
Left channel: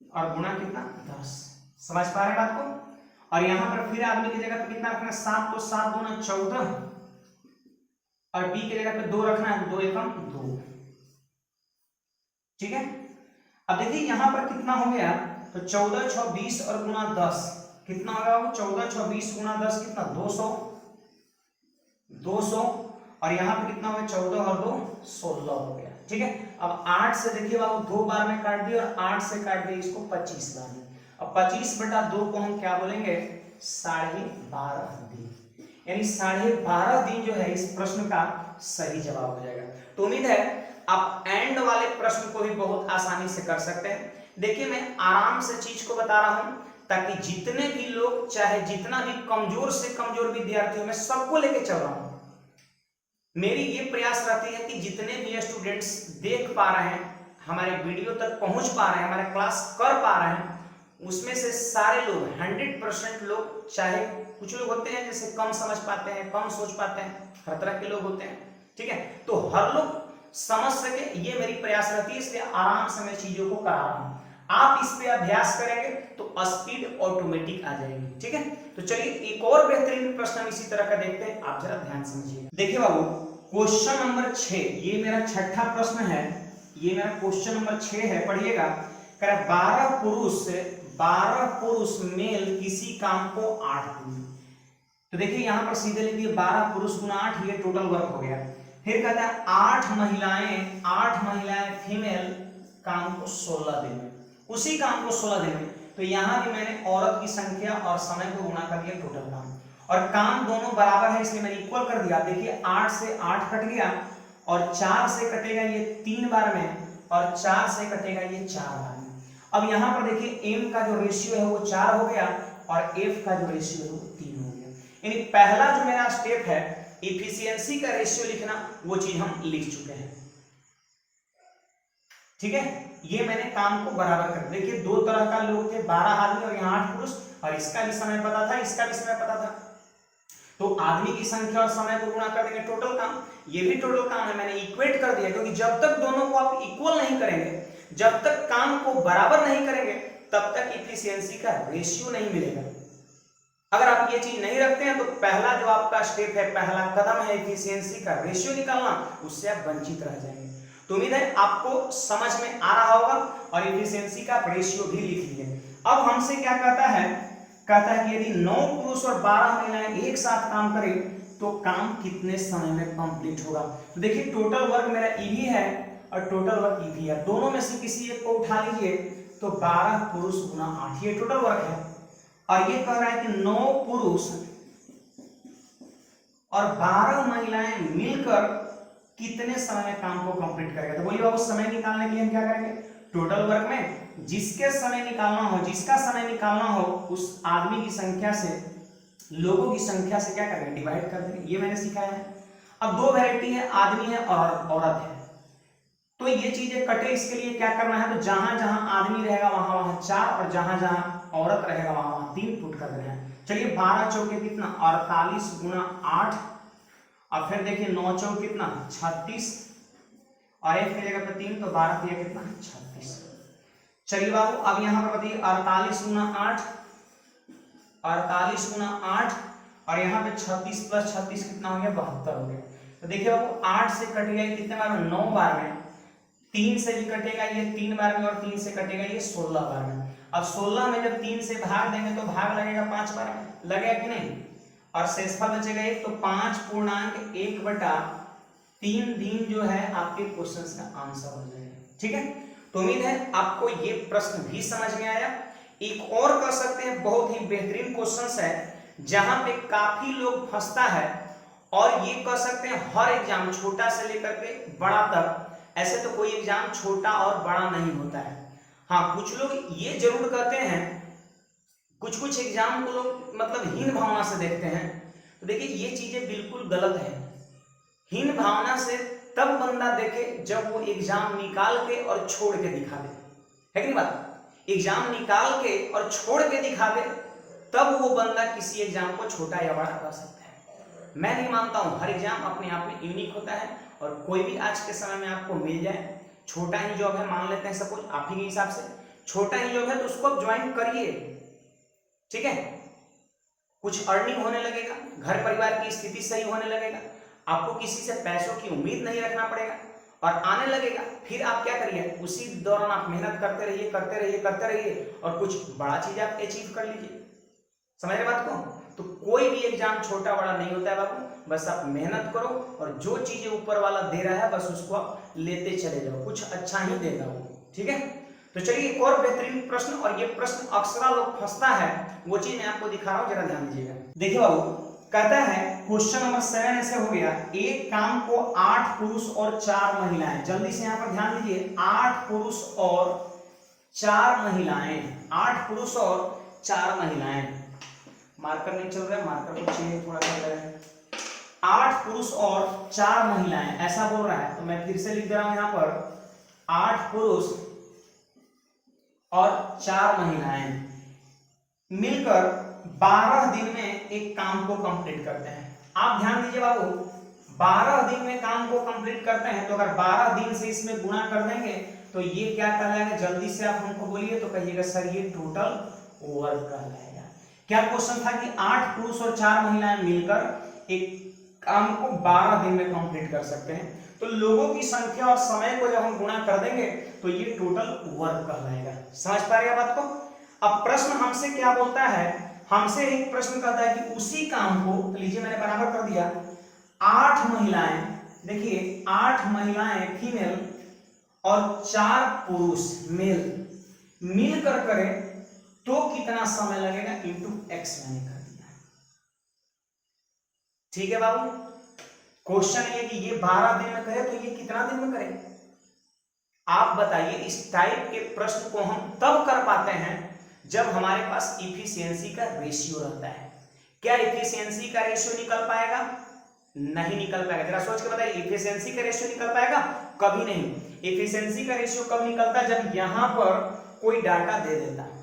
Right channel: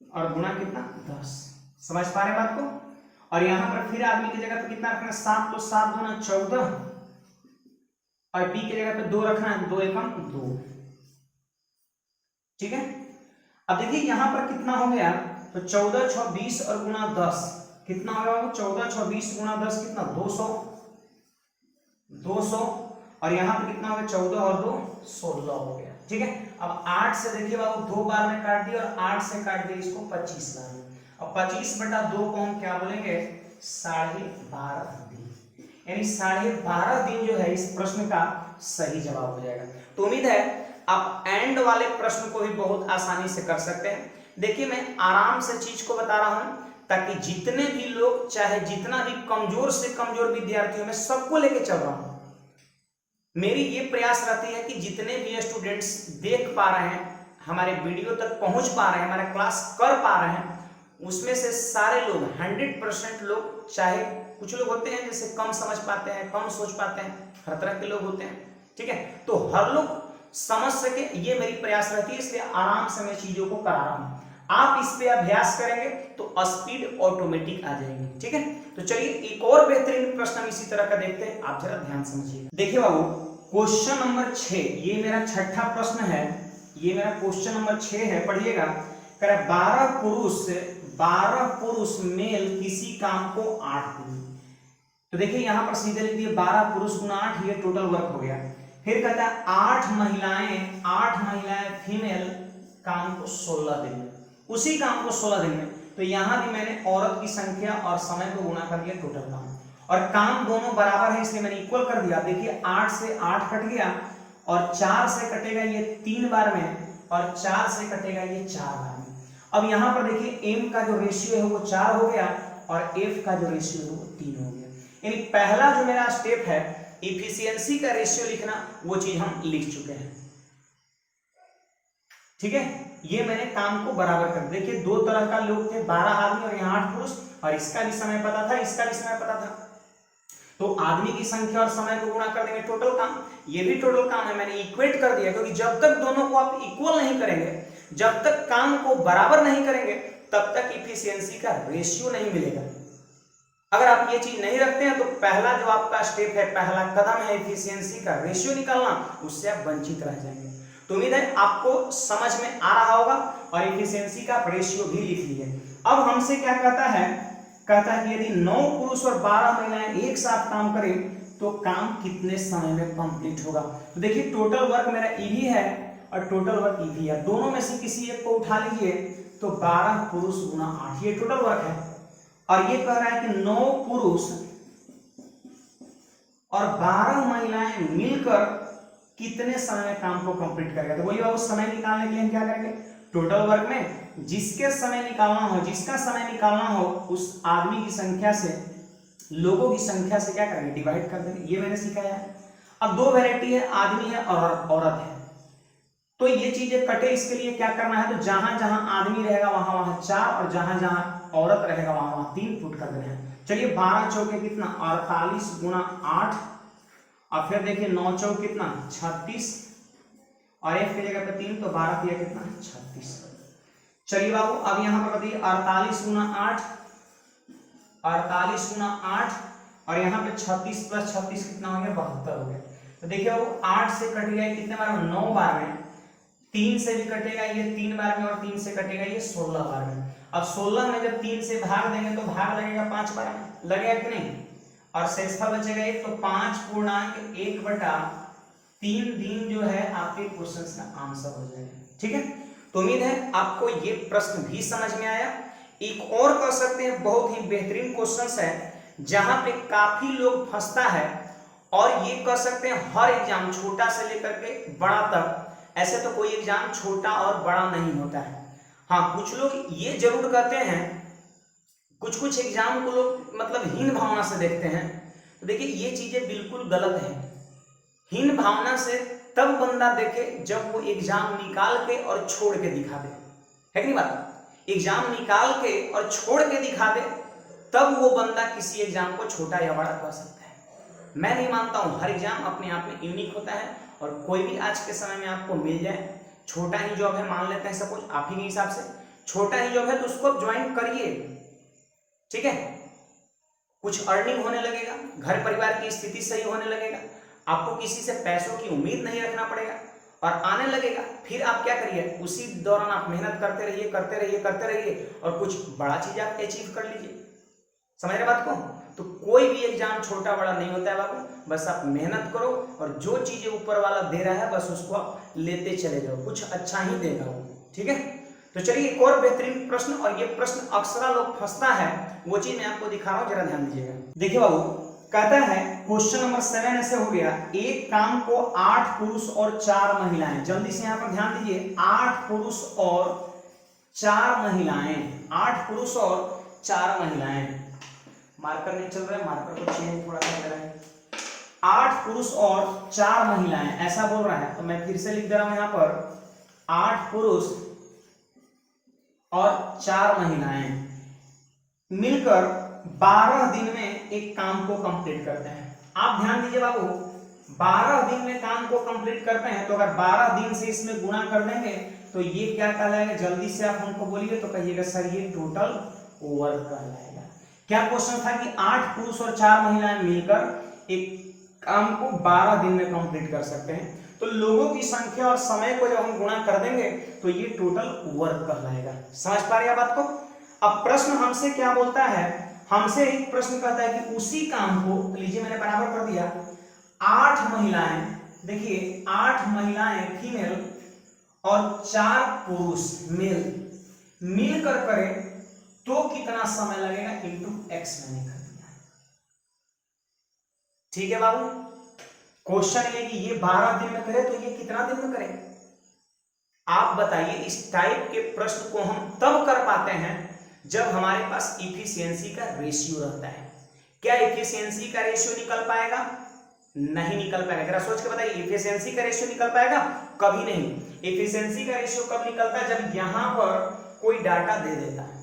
और गुणा कितना 10। समझ पा रहे बात को। और यहां पर फिर आदमी की जगह पे कितना रखना है 7, तो 7 दूना 14 और बी की जगह पे 2 रखना है, 2 एकम 2। ठीक है, अब देखिए यहां पर कितना हो गया, तो 14 6 20 और गुना 10 कितना होगा वो 14 6 20 गुना 10 कितना 200 और यहाँ पे कितना हो गया 14 और 2 16 हो गया। ठीक है, अब 8 से देखिए बाबू 2 बार में काट दिया और 8 से काट दिया इसको 25 बार में। अब 25/2 को हम क्या बोलेंगे 12.5 दिन, यानी 12.5 दिन जो है इस प्रश्न का सही जवाब हो जाएगा। तो उम्मीद है आप एंड वाले प्रश्न को भी बहुत आसानी से कर सकते हैं। देखिए मैं आराम से चीज को बता रहा हूं ताकि जितने भी लोग, चाहे जितना भी कमजोर से कमजोर विद्यार्थी, मैं सबको लेके चल रहा हूं। मेरी ये प्रयास रहती है कि जितने भी स्टूडेंट्स देख पा रहे हैं, हमारे वीडियो तक पहुंच पा रहे हैं, हमारे क्लास कर पा रहे हैं, उसमें से सारे लोग 100% लोग, चाहे कुछ लोग होते हैं जैसे कम समझ पाते हैं, कम सोच पाते हैं, हर तरह के लोग होते हैं। ठीक है, तो हर लोग समझ सके, ये मेरी प्रयास रहती है, इसलिए आराम से मैं चीजों को करा रहा हूं। आप इस पे अभ्यास करेंगे तो स्पीड ऑटोमेटिक आ जाएगी। ठीक है, तो चलिए एक और बेहतरीन प्रश्न इसी तरह का देखते हैं, आप जरा ध्यान समझिए। देखिए बाबू क्वेश्चन नंबर 6, ये मेरा छठा प्रश्न है, ये मेरा क्वेश्चन नंबर 6 है, पढ़िएगा। कह रहा 12 पुरुष मेल किसी काम को 8 दिन। तो देखिए यहां पर सीधे लिख दिए 12 पुरुष गुना 8, ये टोटल वर्क हो गया। फिर कहता है 8 महिलाएं फीमेल काम को 16 दिन में, उसी काम को 16 दिन में। तो यहां भी मैंने औरत की संख्या और समय को गुणा कर दिया टोटल काम, और काम दोनों बराबर है इसलिए मैंने इक्वल कर दिया। देखिए 8 से 8 कट गया और 4 से कटेगा ये 3 बार में और 4 से कटेगा ये 4 बार में। अब यहां पर देखिए m का जो रेशियो है वो 4 हो गया और f का जो रेशियो है वो 3 हो गया। यानी पहला जो मेरा स्टेप है इफिशियंसी का रेशियो लिखना, वो चीज हम लिख चुके हैं। ठीक है, ये मैंने काम को बराबर कर, देखिए 2 तरह का लोग थे, 12 आदमी और यहाँ 8 पुरुष, और इसका भी समय पता था, इसका भी समय पता था। तो आदमी की संख्या और समय को गुणा कर देंगे टोटल काम, ये भी टोटल काम है, मैंने इक्वेट कर दिया। क्योंकि जब तक दोनों को आप इक्वल नहीं करेंगे, जब तक काम को बराबर नहीं करेंगे, तब तक इफिशियंसी का रेशियो नहीं मिलेगा। अगर आप ये चीज नहीं रखते हैं तो पहला जो आपका स्टेप है, पहला कदम है इफिशियंसी का रेशियो निकालना, उससे आप वंचित रह जाएंगे। तो उम्मीद है आपको समझ में आ रहा होगा और इफिशियंसी का रेशियो भी लिख लीजिए। अब हमसे क्या कहता है कि यदि 9 पुरुष और 12 महिलाएं एक साथ काम करें तो काम कितने समय में कंप्लीट होगा। तो देखिए टोटल वर्क मेरा ईवी है और टोटल वर्क ईवी है, दोनों में से किसी एक को उठा लीजिए। तो 12 पुरुष गुना 8 ये टोटल वर्क है, और ये कह रहा है कि 9 पुरुष और 12 महिलाएं मिलकर कितने समय में काम को कंप्लीट करेगा। तो बोलिए बाबू समय निकालने के लिए हम क्या करेंगे, टोटल वर्क में जिसके समय निकालना हो, जिसका समय निकालना हो, उस आदमी की संख्या से, लोगों की संख्या से क्या करेंगे, डिवाइड कर देंगे। ये मैंने सिखाया है। अब दो वैरायटी है, आदमी है और औरत है। तो ये चीजें कटे, इसके लिए क्या करना है, तो जहां जहां आदमी रहेगा वहां वहां 4 और जहां जहां औरत रहेगा वहां वहां 3 पुट कर देना है। चलिए 12 चौके कितना 48 गुना 8, और फिर देखिए 9 चौक कितना 36, और f की जगह पे 3, तो 12 दिया कितना 36। चलिए बाबू अब यहां पर बताइए 48 गुना 8, 48 गुना 8, और यहाँ पे 36 प्लस 36 कितना हो गया 72 हो गया। तो देखिए बाबू 8 से कट गया कितने बार में, 9 बार में, 3 से भी कटेगा ये 3 बार में, और 3 से कटेगा ये 16 बार में। अब 16 में जब 3 से भाग देंगे तो भाग लगेगा 5 बार में, लगेगा कि नहीं, और शेषफल बचेगा 1, तो 5.1/3 दिन जो है आपके क्वेश्चन का आंसर हो जाएगा। ठीक है, तो उम्मीद है आपको ये प्रश्न भी समझ में आया। एक और कह सकते हैं बहुत ही बेहतरीन क्वेश्चन है जहां पे काफी लोग फंसता है, और ये कह सकते हैं हर एग्जाम छोटा से लेकर के बड़ा तक, ऐसे तो कोई एग्जाम छोटा और बड़ा नहीं होता है। हाँ कुछ लोग ये जरूर कहते हैं, कुछ कुछ एग्जाम को लोग मतलब हीन भावना से देखते हैं। तो देखिए ये चीजें बिल्कुल गलत है। हीन भावना से तब बंदा देखे जब वो एग्जाम निकाल के और छोड़ के दिखा दे, है कि नहीं बात। एग्जाम निकाल के और छोड़ के दिखा दे तब वो बंदा किसी एग्जाम को छोटा या बड़ा कर सकता है। मैं नहीं मानता हूं, हर एग्जाम अपने आप में यूनिक होता है, और कोई भी आज के समय में आपको मिल जाए, छोटा ही जॉब है मान लेते हैं सपोज आप ही के हिसाब से छोटा ही जॉब है, तो उसको आप ज्वाइन करिए। ठीक है, कुछ अर्निंग होने लगेगा, घर परिवार की स्थिति सही होने लगेगा, आपको किसी से पैसों की उम्मीद नहीं रखना पड़ेगा, और आने लगेगा। फिर आप क्या करिए, उसी दौरान आप मेहनत करते रहिए करते रहिए करते रहिए, और कुछ बड़ा चीज आप अचीव कर लीजिए। समझ रहे बात को। तो कोई भी एग्जाम छोटा बड़ा नहीं होता है बाबू, बस आप मेहनत करो, और जो चीजें ऊपर वाला दे रहा है बस उसको आप लेते चले जाओ, कुछ अच्छा ही देगा वो। ठीक है, तो चलिए एक और बेहतरीन प्रश्न, और ये प्रश्न अक्सर लोग फंसता है, वो चीज मैं आपको दिखा रहा हूं, जरा ध्यान दीजिएगा। देखिए बाबू कहता है क्वेश्चन नंबर 7 ऐसे हो गया, एक काम को 8 पुरुष और 4 महिलाएं, जल्दी से यहां पर ध्यान दीजिए, 8 पुरुष और 4 महिलाएं, 8 पुरुष और 4 महिलाएं, मार्कर नहीं चल रहा है, मार्कर को चेंज थोड़ा सा कर रहे हैं। 8 पुरुष और 4 महिलाएं ऐसा बोल रहा है, तो मैं फिर से लिख दे रहा हूं यहां पर 8 पुरुष और 4 महिलाएं मिलकर 12 दिन में एक काम को कंप्लीट करते हैं। आप ध्यान दीजिए बाबू, 12 दिन में काम को कंप्लीट करते हैं, तो अगर 12 दिन से इसमें गुणा कर देंगे तो ये क्या कहलाएगा, जल्दी से आप हमको बोलिए तो कहिएगा सर ये टोटल वर्क कहलाएगा। क्या क्वेश्चन था कि 8 पुरुष और 4 महिलाएं मिलकर एक काम को 12 दिन में कंप्लीट कर सकते हैं, तो लोगों की संख्या और समय को जब हम गुणा कर देंगे तो ये टोटल वर्क कहलाएगा। समझ पा रहे हैं बात को। अब प्रश्न हमसे क्या बोलता है, हमसे एक प्रश्न कहता है कि उसी काम को, लीजिए मैंने बराबर कर दिया, 8 महिलाएं, देखिए 8 महिलाएं फीमेल और 4 पुरुष मेल मिलकर करें तो कितना समय लगेगा, इंटू एक्स मैंने कर दिया। ठीक है बाबू, क्वेश्चन ये कि ये 12 दिन में करे तो ये कितना दिन में करे। आप बताइए, इस टाइप के प्रश्न को हम तब कर पाते हैं जब हमारे पास इफिशियंसी का रेशियो रहता है। क्या इफिशियंसी का रेशियो निकल पाएगा, नहीं निकल पाएगा। जरा सोच के बताइए, इफिशियंसी का रेशियो निकल पाएगा, कभी नहीं। इफिशियंसी का रेशियो कब निकलता है, जब यहां पर कोई डाटा दे देता है,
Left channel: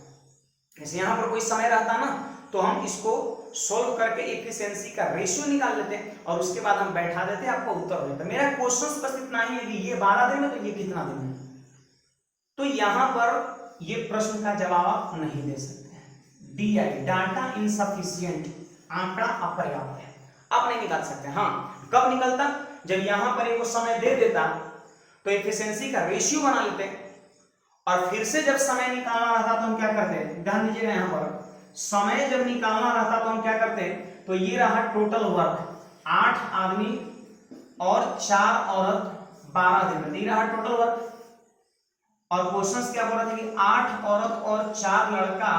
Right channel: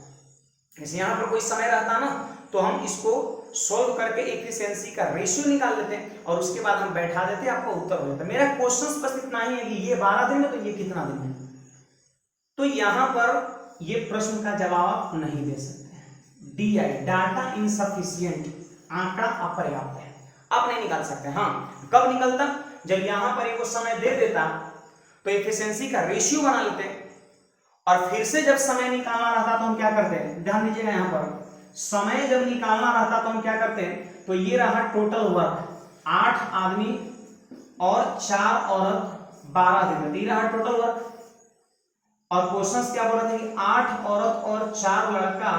जैसे यहां पर कोई समय रहता ना, तो हम इसको सोल्व करके इफिशियंसी का रेशियो निकाल लेते हैं, और उसके बाद हम बैठा देते हैं, आपको उत्तर हो जाता है। मेरा क्वेश्चन बस इतना ही है कि ये 12 दिन में, तो ये कितना दिन में। तो यहां पर ये प्रश्न का जवाब आप नहीं दे सकते हैं। डी आई, डाटा इनसफिशिएंट, आंकड़ा अपर्याप्त है, आप नहीं निकाल सकते। हाँ कब निकलता, जब यहां पर वो समय दे देता तो एफिशिएंसी का रेशियो बना लेते, और फिर से जब समय निकालना रहता तो हम क्या करते हैं, ध्यान दीजिएगा यहां पर, समय जब निकालना रहता तो हम क्या करते हैं, तो ये रहा टोटल वर्क, 8 आदमी और 4 औरत 12 दिन में, ये रहा टोटल वर्क। और क्वेश्चन क्या बोल रहा था कि 8 औरत और 4 लड़का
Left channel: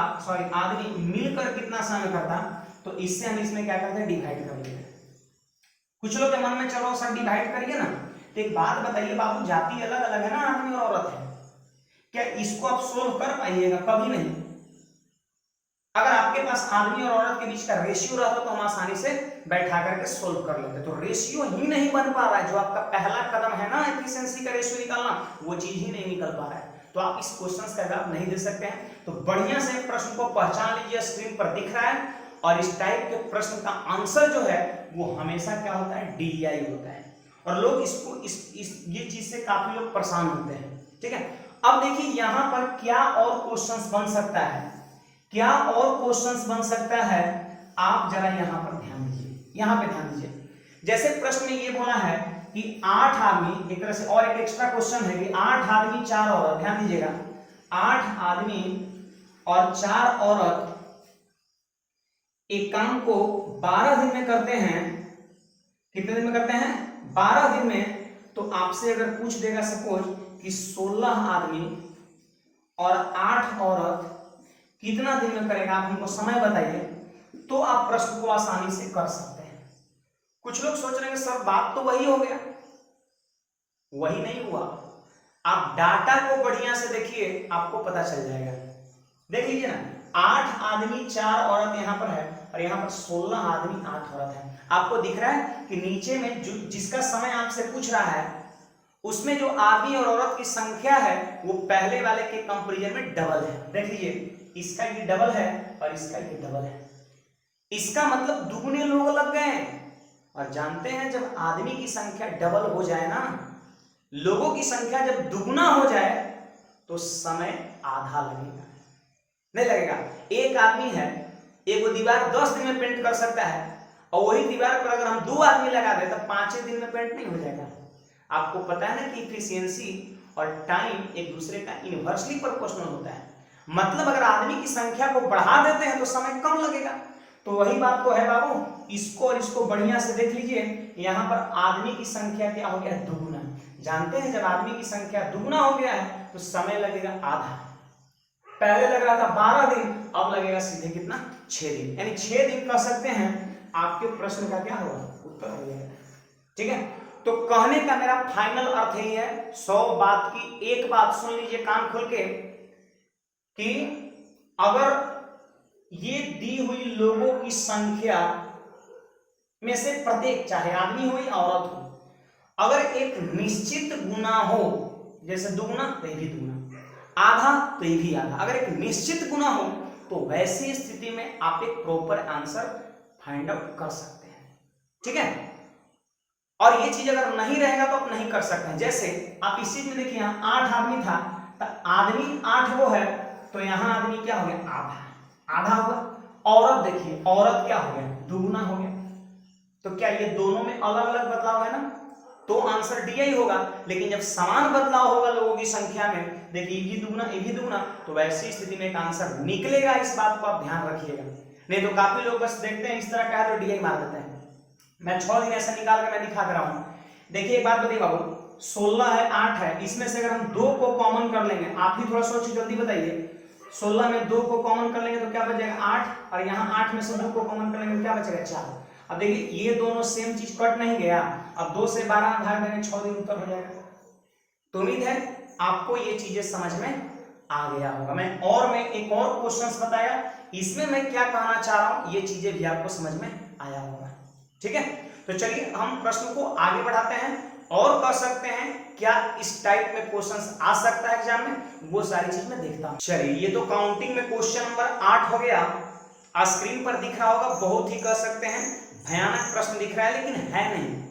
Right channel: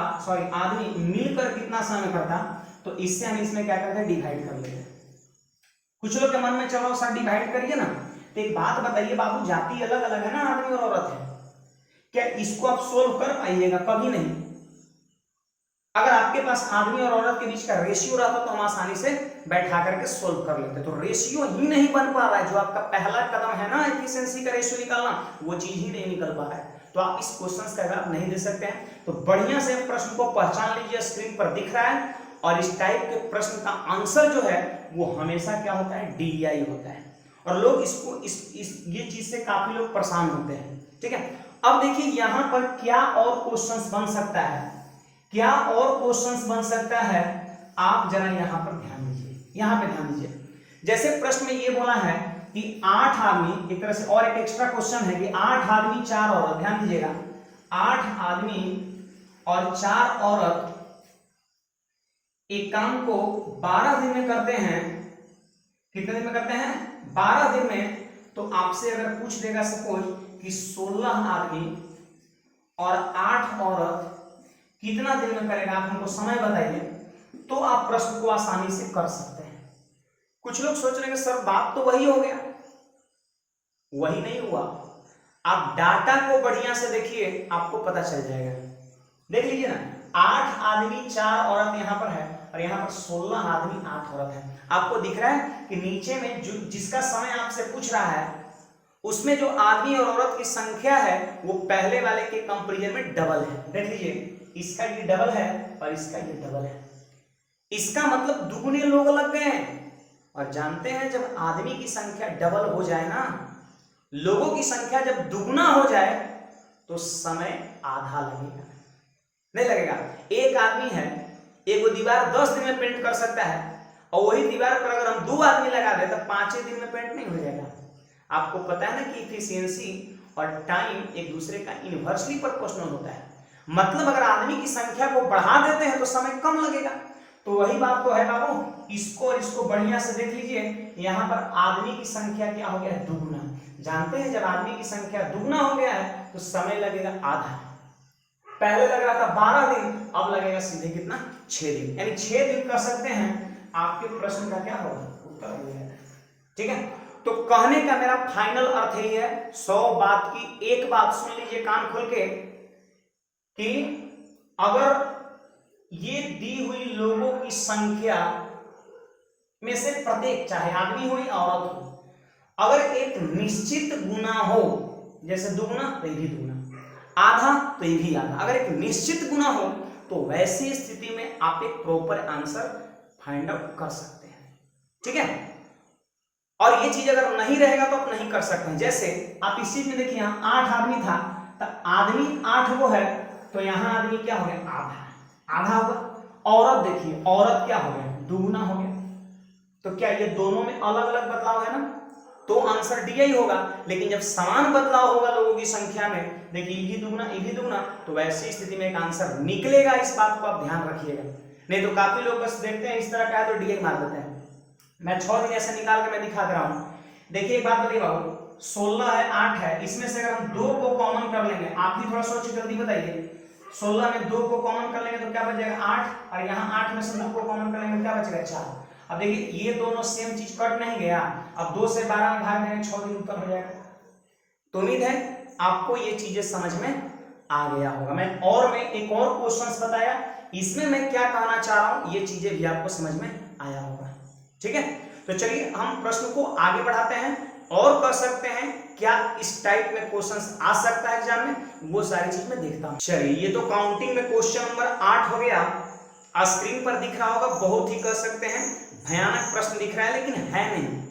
आदमी मिलकर कितना समय करता, तो इससे हम इसमें क्या करते हैं, डिवाइड कर लेते हैं। कुछ लोग के मन में चलो सर डिवाइड करिए ना, तो एक बात बताइए बाबू, जाति अलग अलग है ना, आदमी और औरत है, क्या इसको आप सोल्व कर पाइएगा? कभी नहीं। अगर आपके पास आदमी और औरत के बीच का रेशियो रहता तो हम आसानी से बैठा करके सोल्व कर लेते, तो रेशियो ही नहीं बन पा रहा है। जो आपका पहला कदम है ना एफिशिएंसी का रेशियो निकालना, वो चीज ही नहीं निकल पा रहा है, तो आप इस क्वेश्चन का जवाब नहीं दे सकते हैं। तो बढ़िया से प्रश्न को पहचान लीजिए, स्क्रीन पर दिख रहा है, और इस टाइप के प्रश्न का आंसर जो है वो हमेशा क्या होता है, DI होता है। और लोग इसको ये चीज से काफी लोग परेशान होते हैं, ठीक है। अब देखिए यहाँ पर क्या और क्वेश्चंस बन सकता है, क्या और क्वेश्चंस बन सकता है, आप जरा यहाँ पर ध्यान दीजिए, यहाँ पे ध्यान दीजिए। जैसे प्रश्न में ये बोला है कि 8 आदमी, एक तरह से और एक एक्स्ट्रा क्वेश्चन है कि 8 आदमी 4 औरत, ध्यान दीजिएगा, 8 आदमी और 4 औरत एक काम को 12 दिन में करते हैं। कितने दिन में करते हैं? 12 दिन में। तो आपसे अगर पूछ देगा सपोज कि 16 आदमी और 8 औरत कितना दिन में करेगा, आप हमको समय बताइए, तो आप प्रश्न को आसानी से कर सकते हैं। कुछ लोग सोच रहे हैं सर बात तो वही हो गया, वही नहीं हुआ। आप डाटा को बढ़िया से देखिए, आपको पता चल जाएगा। देख लीजिए ना, 8 आदमी 4 औरत यहां पर है, और यहां पर 16 आदमी 8 औरत है। आपको दिख रहा है कि नीचे में जिसका समय आपसे पूछ रहा है, उसमें जो आदमी और औरत की संख्या है वो पहले वाले के कंपैरिजन में डबल है। देख लीजिए, इसका ये डबल है और इसका ये डबल है, इसका मतलब दुगने लोग लग गए हैं। और जानते हैं जब आदमी की संख्या डबल हो जाए ना, लोगों की संख्या जब दुगना हो जाए, तो समय आधा लगेगा, नहीं लगेगा। एक आदमी है, एक वो दीवार 10 दिन में पेंट कर सकता है, और वही दीवार पर अगर हम 2 आदमी लगा दे तो 5 दिन में पेंट नहीं हो जाएगा। आपको पता है ना कि इफिशियंसी और टाइम एक दूसरे का इनवर्सली प्रोपोर्शनल होता है। मतलब अगर आदमी की संख्या को बढ़ा देते हैं तो समय कम लगेगा। तो वही बात तो है बाबू, इसको और इसको बढ़िया से देख लीजिए। यहाँ पर आदमी की संख्या क्या हो गया है, दुगुना। जानते हैं जब आदमी की संख्या दुगुना हो गया है तो समय लगेगा आधा। पहले लग रहा था 12 दिन, अब लगेगा सीधे कितना, 6 दिन। यानी 6 दिन कर सकते हैं, आपके प्रश्न का क्या होगा, उत्तर हो जाएगा। ठीक है, तो कहने का मेरा फाइनल अर्थ यही है, 100 बात की एक बात सुन लीजिए कान खोल के, कि अगर ये दी हुई लोगों की संख्या में से प्रत्येक, चाहे आदमी हो या औरत हो, अगर एक निश्चित गुना हो, जैसे दुगुना तो ये भी दुगुना, आधा तो ये भी आधा, अगर एक निश्चित गुना हो तो वैसी स्थिति में आप एक प्रॉपर आंसर फाइंड आउट कर सकते हैं। ठीक है, और ये चीज अगर नहीं रहेगा तो आप नहीं कर सकते हैं। जैसे आप इस चीज में देखिए, 8 आदमी था तो आदमी 8 वो है, तो यहां आदमी क्या हो गया, आधा, आधा होगा। औरत देखिए, औरत क्या हो गया, दुगुना हो गया। तो क्या ये दोनों में अलग अलग बदलाव है ना, तो आंसर डी ही होगा। लेकिन जब समान बदलाव होगा लोगों की संख्या में, देखिए ये भी दुगुना ये भी दुगुना, तो वैसी स्थिति में एक आंसर निकलेगा। इस बात को आप ध्यान रखिएगा, नहीं तो काफी लोग बस देखते हैं इस तरह का है तो डी मार देते हैं। मैं 6 दिन ऐसा निकाल के मैं दिखा दे रहा हूं। देखिए एक बात बताइए बाबू, 16 है 8 है, इसमें से अगर हम 2 को कॉमन कर लेंगे, आप ही थोड़ा सोचिए, जल्दी बताइए, 16 में 2 को कॉमन कर लेंगे तो क्या बच जाएगा, 8, और यहाँ 8 में से 2 को कॉमन कर लेंगे तो क्या बचेगा, 4। अब देखिए ये दोनों सेम चीज कट नहीं गया, अब 2 से 12 में भाग देंगे, 6 दिन उत्तर हो जाएगा। तो उम्मीद है आपको ये चीजें समझ में आ गया होगा। मैं एक और क्वेश्चंस बताया, इसमें मैं क्या कहना चाह रहा हूं, ये चीजें भी आपको समझ में आया होगा। ठीक है, तो चलिए हम प्रश्न को आगे बढ़ाते हैं और कर सकते हैं क्या इस टाइप में क्वेश्चंस आ सकता है एग्जाम में, वो सारी चीज मैं देखता हूं। चलिए, ये तो काउंटिंग में क्वेश्चन नंबर 8 हो गया, स्क्रीन पर दिख रहा होगा, बहुत ही कर सकते हैं भयानक प्रश्न दिख रहा है, लेकिन है नहीं।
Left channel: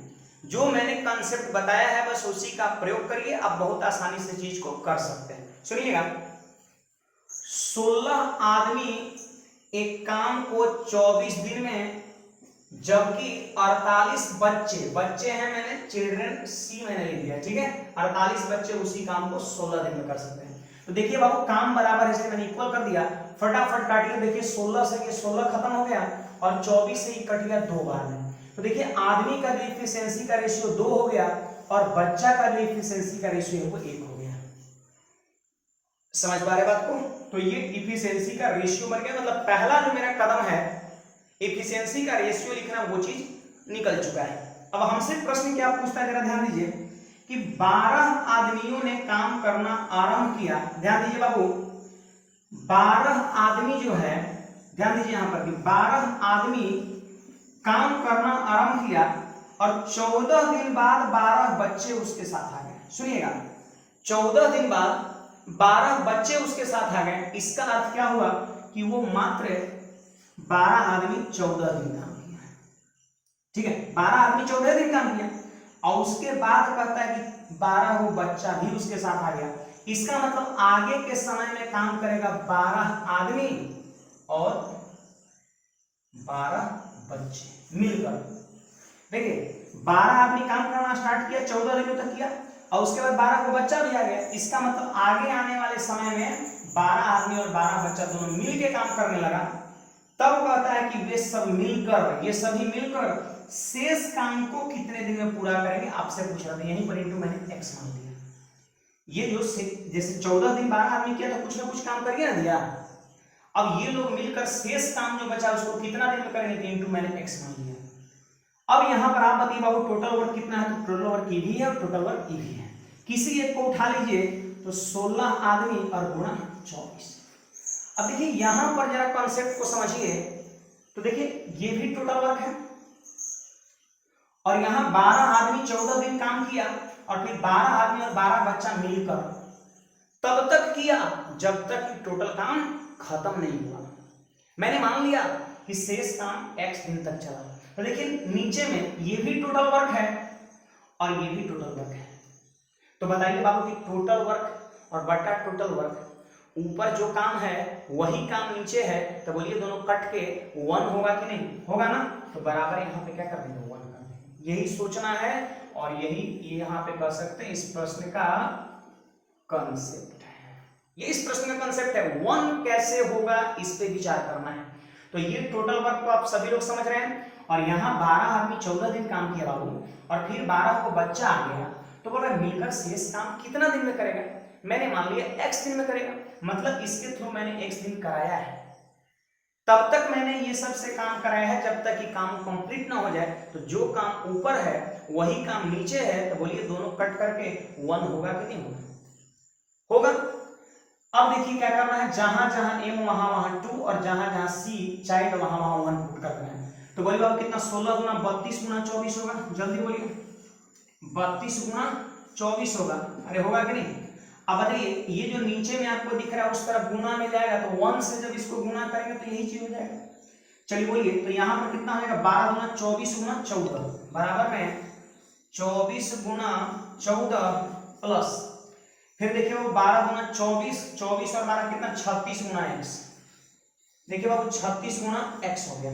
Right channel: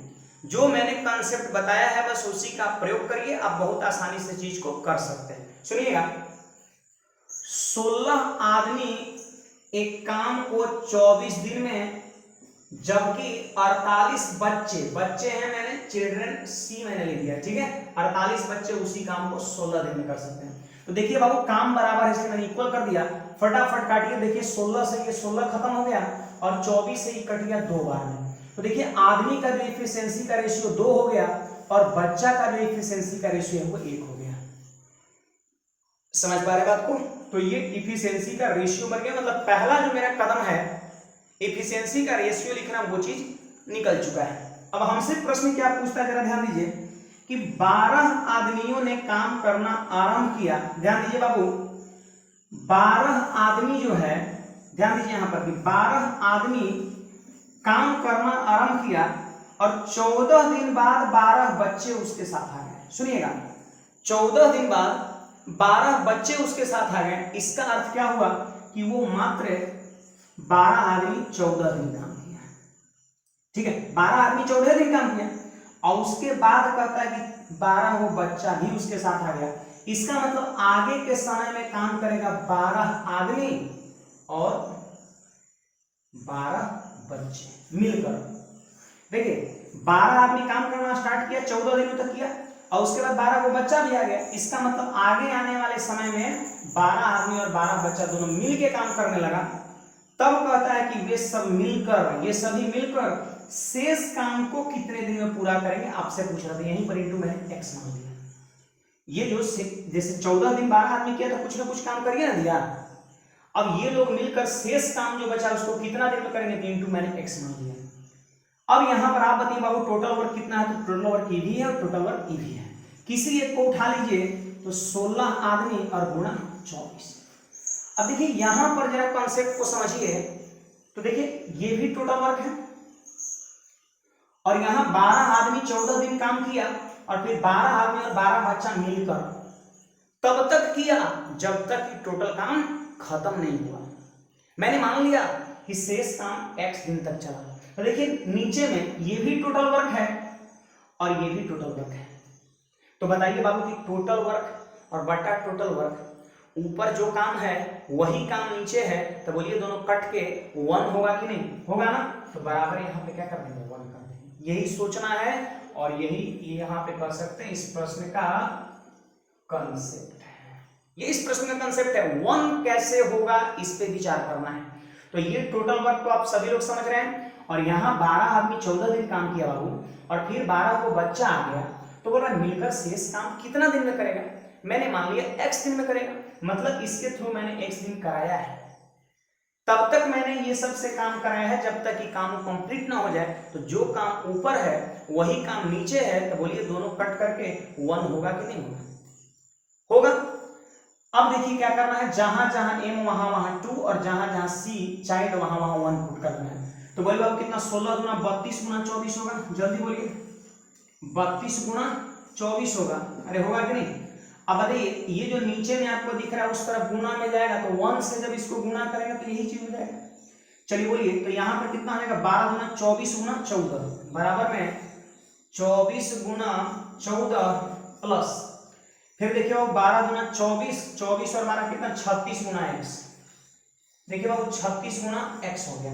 जो मैंने कंसेप्ट बताया है बस उसी का प्रयोग करिए, आप बहुत आसानी से चीज को कर सकते हैं। सुनिएगा, 16 आदमी एक काम को 24 दिन में, जबकि 48 बच्चे हैं, मैंने चिल्ड्रन सी मैंने लिख दिया। ठीक है, 48 बच्चे उसी काम को 16 दिन में कर सकते हैं। तो देखिए बाबू, काम बराबर है इसलिए मैंने इक्वल कर दिया, फटाफट काटिए। देखिए 16 से ये 16 खत्म हो गया और 24 से ही कट गया 2 बार में। तो देखिए आदमी का जो एफिशिएंसी का रेशियो 2 हो गया और बच्चा का जो एफिशिएंसी का रेशियो है वो 1 हो गया। समझ पा रहे बात को? तो ये इफिशियंसी का रेशियो बन गया, मतलब पहला जो मेरा कदम है इफिशियंसी का रेशियो लिखना, वो चीज निकल चुका है। अब हमसे प्रश्न क्या पूछता है, जरा ध्यान दीजिए कि 12 आदमियों ने काम करना आरंभ किया। ध्यान दीजिए बाबू, 12 आदमी जो है, ध्यान दीजिए यहां पर भी 12 आदमी काम करना आरंभ किया और 14 दिन बाद 12 बच्चे उसके साथ आ गए। सुनिएगा, 14 दिन बाद 12 बच्चे उसके साथ आ गए। इसका अर्थ क्या हुआ कि वो मात्र 12 आदमी 14 दिन काम किया। ठीक है, 12 आदमी 14 दिन काम किया और उसके बाद कहता है कि 12 वो बच्चा भी उसके साथ आ गया। इसका मतलब आगे के समय में काम करेगा 12 आदमी और 12 बच्चे मिलकर। देखिए 12 आदमी काम करना स्टार्ट किया, 14 दिनों तक किया और उसके बाद 12 को बच्चा भी आ गया। इसका मतलब आगे आने वाले समय में 12 आदमी और 12 बच्चा दोनों मिलके काम करने लगा। तब कहता है कि वे सब मिलकर, ये सभी मिलकर शेष काम को कितने दिन में पूरा करेंगे, आपसे पूछ रहा था। यहीं पर इंटू मैंने एक्स मान दिया। ये जो जैसे 14 दिन 12 आदमी किया तो कुछ ना कुछ काम करिए ना दिया। अब ये लोग मिलकर शेष काम जो बचा उसको कितना दिन में करेंगे, तो इंटू मैंने एक्स मान दिया। अब यहां पर आप बताइए बाबू टोटल वर्क कितना है, तो टोटल वर्क ई भी है और टोटल वर्क ई भी है। किसी एक को उठा लीजिए तो 16 आदमी और गुणा 24। अब देखिए यहां पर जरा कॉन्सेप्ट को समझिए, तो देखिए ये भी टोटल वर्क है और यहां 12 आदमी 14 दिन काम किया और फिर 12 आदमी और 12 बच्चा मिलकर तब तक किया जब तक टोटल काम खत्म नहीं हुआ। मैंने मान लिया कि शेष काम x दिन तक चला। तो देखिए नीचे में ये भी टोटल वर्क है और ये भी टोटल वर्क है। तो बताइए बाबू कि टोटल वर्क और बटा टोटल वर्क, ऊपर जो काम है वही काम नीचे है, तो बोलिए दोनों कट के 1 होगा कि नहीं होगा ना। तो बराबर यहाँ पे क्या कर देंगे, 1 कर देंगे। यही सोचना है और यही यहाँ पे कर सकते हैं। इस प्रश्न का कंसेप्ट है, ये इस प्रश्न का कंसेप्ट है। 1 कैसे होगा इस पे विचार करना है। तो ये टोटल वर्क को आप सभी लोग समझ रहे हैं और यहाँ 12 आदमी 14 दिन काम किया बाबू और फिर 12 को बच्चा आ गया, तो बोल रहा मिलकर शेष काम कितना दिन में करेगा। मैंने मान लिया x दिन में करेगा, मतलब इसके थ्रू मैंने x दिन कराया है। तब तक मैंने ये सबसे काम कराया है जब तक कि काम कंप्लीट ना हो जाए। तो जो काम ऊपर है वही काम नीचे है, तो बोलिए दोनों कट करके 1 होगा कि नहीं होगा, होगा। अब देखिए क्या करना है, जहां जहां m वहां वहां 2 और जहां जहां c चाइल्ड वहां वहां 1 पुट करना है। तो बोलिए अब कितना 16 गुना 32 गुना 24 होगा, जल्दी बोलिए 32 गुना 24 होगा। अरे होगा कि नहीं। अब बताइए ये जो नीचे में आपको दिख रहा है उस तरफ गुना में जाएगा, तो 1 से जब इसको गुना करेंगे तो यही चीज हो जाएगा। चलिए बोलिए तो यहाँ पर कितना हो जाएगा, 12 गुना 24 गुना 14 बराबर में 24 गुना 14 प्लस फिर देखिए वो 12 गुना 24 24 और 12 कितना 36 गुना x। देखिए बाबू 36 गुना x हो गया।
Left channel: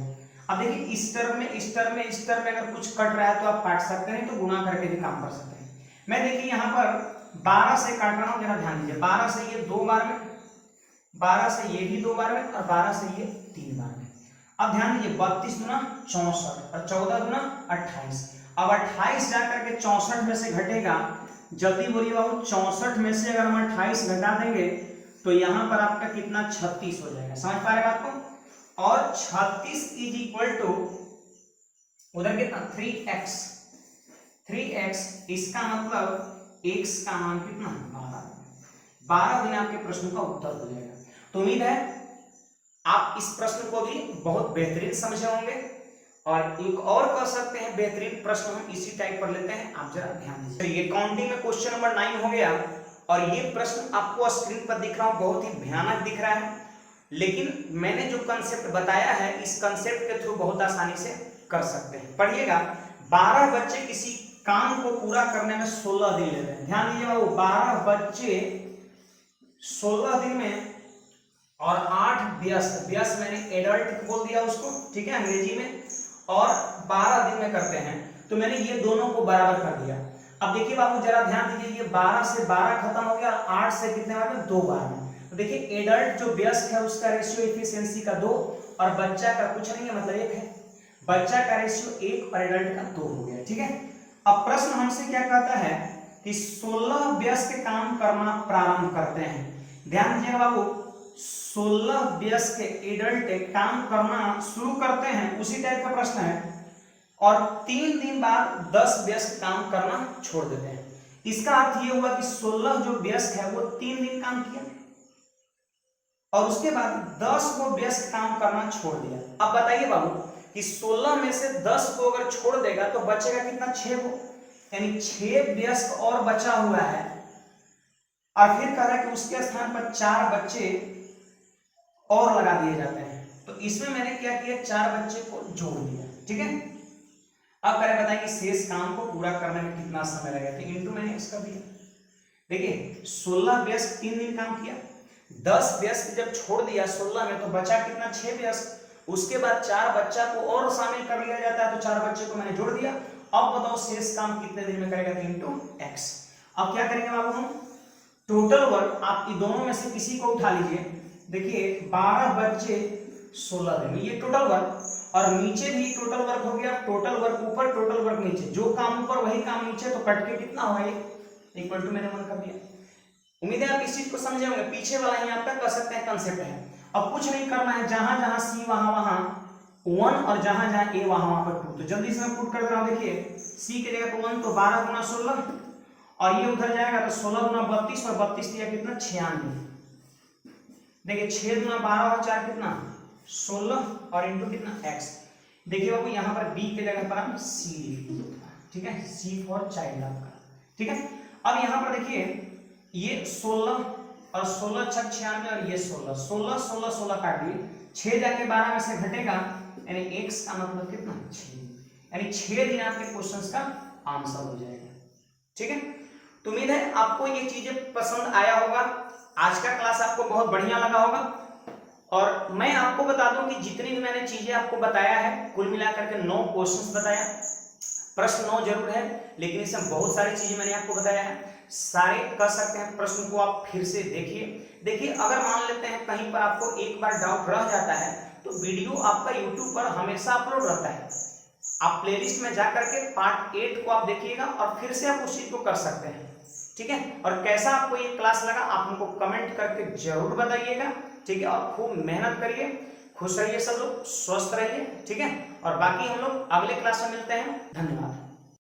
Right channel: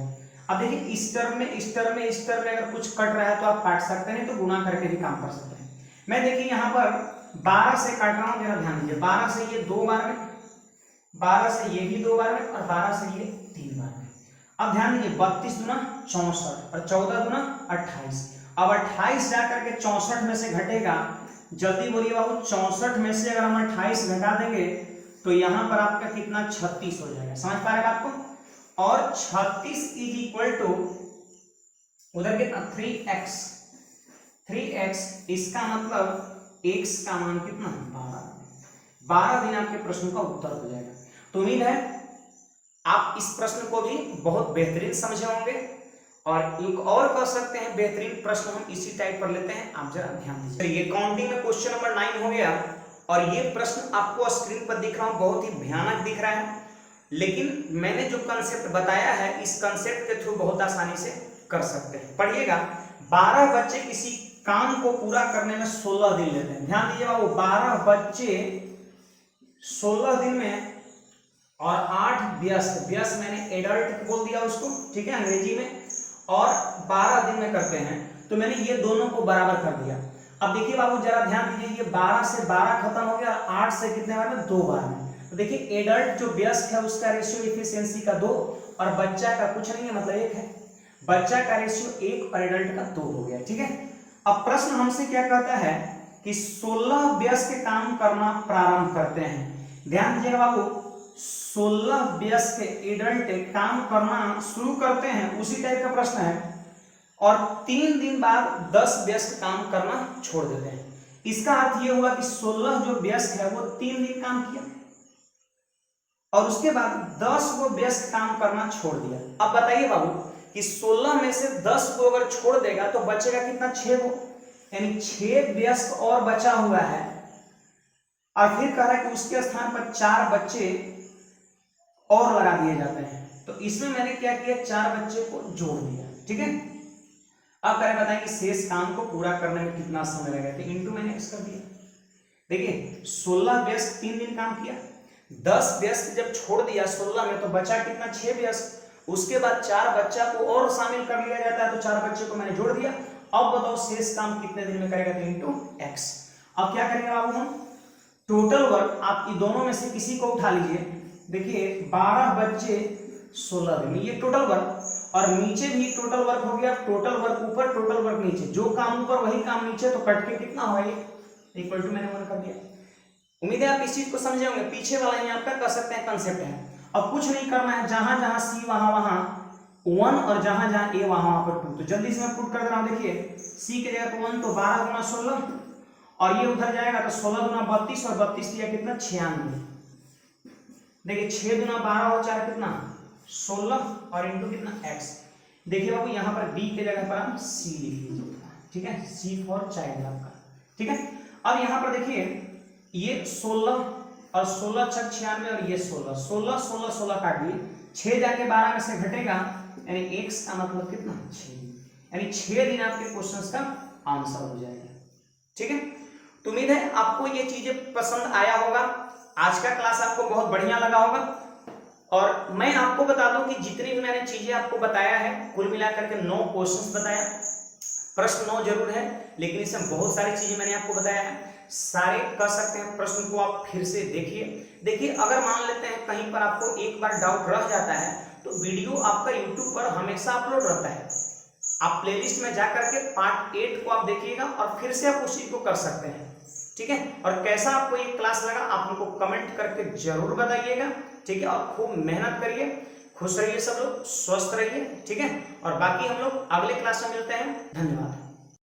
अब देखिए इस टर्म में अगर कुछ कट रहा है तो आप काट सकते हैं, तो गुणा करके भी काम कर सकते हैं। मैं देखिए यहाँ पर 12 से काट रहा हूँ, जरा ध्यान दीजिए। 12 से ये 2 बार में, 12 से ये भी 2 बार में और 12 से ये 3 बार में। अब ध्यान दीजिए 32 गुना 64 और 14 गुना 28। अब 28 जाकर के 64 में से घटेगा, जल्दी बोलिए बाबू 64 में से अगर हम 28 घटा देंगे तो यहाँ पर आपका कितना 36 हो जाएगा। समझ पा रहे बात को। और 36 इज इक्वल टू उधर कितना 3x। इसका मतलब x का मान कितना 12 दिन आपके प्रश्न का उत्तर हो जाएगा। तो उम्मीद है आप इस प्रश्न को भी बहुत बेहतरीन समझे होंगे और एक और कर सकते हैं बेहतरीन प्रश्न हम इसी टाइप पर लेते हैं। आप जरा ध्यान दीजिए। ये काउंटिंग में क्वेश्चन नंबर 9 हो गया और ये प्रश्न आपको स्क्रीन पर दिख रहा हूं, बहुत ही भयानक दिख रहा है, लेकिन मैंने जो कंसेप्ट बताया है इस कंसेप्ट के थ्रू बहुत आसानी से कर सकते हैं। पढ़िएगा 12 बच्चे किसी काम को पूरा करने में 16 दिन लेते हैं। ध्यान दीजिए बाबू 12 बच्चे 16 दिन में और 8 व्यस्त मैंने एडल्ट बोल दिया उसको, ठीक है अंग्रेजी में, और 12 दिन में करते हैं। तो मैंने ये दोनों को बराबर कर दिया। अब देखिए बाबू जरा ध्यान दीजिए, ये 12 से 12 खत्म हो गया, 8 से कितने बार में 2 बार में। तो देखिए एडल्ट जो व्यस्त है उसका रेशियो एफिशिएंसी का 2 और बच्चा का कुछ नहीं है मतलब 1 है। बच्चा का रेशियो 1 और एडल्ट का 2 हो गया, ठीक है। अब प्रश्न हमसे क्या कहता है कि 16 व्यस्त काम करना प्रारंभ करते हैं। ध्यान दीजिएगा बाबू, 16 वयस्क एडल्ट काम करना शुरू करते हैं, उसी टाइप का प्रश्न है, और 3 दिन बाद 10 वयस्क काम करना छोड़ देते हैं। इसका अर्थ ये हुआ कि 16 जो वयस्क है वो 3 दिन काम किया और उसके बाद 10 वो व्यस्त काम करना छोड़ दिया। अब बताइए बाबू कि 16 में से 10 को अगर छोड़ देगा तो बचेगा कितना, 6 को, यानी 6 व्यस्त और बचा हुआ है, और फिर कह रहा है कि उसके स्थान पर 4 बच्चे और लगा दिए जाते हैं। तो इसमें मैंने क्या किया, 4 बच्चे को जोड़ दिया, ठीक है। अब कह रहे बताएं कि शेष काम को पूरा करने में कितना समय लगेगा, तो इंटू मैंने एक्स कर दिया। देखिए 16 व्यस्त 3 दिन काम किया, 10 व्यस्त जब छोड़ दिया 16 में तो बचा कितना, 6 व्यस्त। उसके बाद 4 बच्चा को और शामिल कर लिया जाता है, तो 4 बच्चे को मैंने जोड़ दिया। अब बताओ शेष काम कितने दिन में करेगा, तो इंटू एक्स। अब क्या करेंगे बाबू हम, टोटल वर्क आप इन दोनों में से किसी को उठा लीजिए। देखिए 12 बच्चे 16 दिन, ये टोटल वर्क, और नीचे भी टोटल वर्क हो गया। टोटल वर्क ऊपर, टोटल वर्क नीचे, जो काम ऊपर वही काम नीचे, तो कट के कितना हुआ, ये इक्वल टू मैंने 1 कर दिया। उम्मीद है आप इस चीज को समझे होंगे, पीछे वाला ही आप तक कर सकते हैं, कंसेप्ट है। अब कुछ नहीं करना है, जहां जहां सी वहां 1 और जहां जहां ए वहां पर 2। तो जल्दी से मैं पुट कर रहा हूं, देखिए सी के जगह पर 1 तो 12 गुना 16, और ये उधर जाएगा तो 16 गुना 32, और 32 दिया कितना, 96। देखिए 6 गुना 12 और 4 कितना, 16, और इंटू कितना, एक्स। देखिए बाबू यहाँ पर बी के जगह पर हम सी लिख लीजिए, ठीक है, सी फॉर चाइल्ड आपका, ठीक है। अब यहाँ पर देखिए ये 16 और 16 छक 96, और ये 16 16 16 16 काट दिए, 6 जाके 12 में से घटेगा, यानी x का मतलब कितना, 6, यानी 6 दिन आपके क्वेश्चंस का आंसर हो जाएगा, ठीक है। तो उम्मीद है आपको ये चीजें पसंद आया होगा, आज का क्लास आपको बहुत बढ़िया लगा होगा। और मैं आपको बता दूं कि जितनी भी मैंने चीजें आपको बताया है, कुल मिलाकर के 9 क्वेश्चंस बताया, प्रश्न 9 जरूर है, लेकिन इसमें बहुत सारी चीजें मैंने आपको बताया है, सारे कर सकते हैं। प्रश्न को आप फिर से देखिए अगर मान लेते हैं कहीं पर आपको एक बार डाउट रह जाता है, तो वीडियो आपका यूट्यूब पर हमेशा अपलोड रहता है, आप प्लेलिस्ट में जाकर के पार्ट 8 को आप देखिएगा और फिर से आप उस चीज को कर सकते हैं, ठीक है। और कैसा आपको ये क्लास लगा आप हमको कमेंट करके जरूर बताइएगा, ठीक है। और खूब मेहनत करिए, खुश रहिए, सब लोग स्वस्थ रहिए, ठीक है। और बाकी हम लोग अगले क्लास में मिलते हैं, धन्यवाद।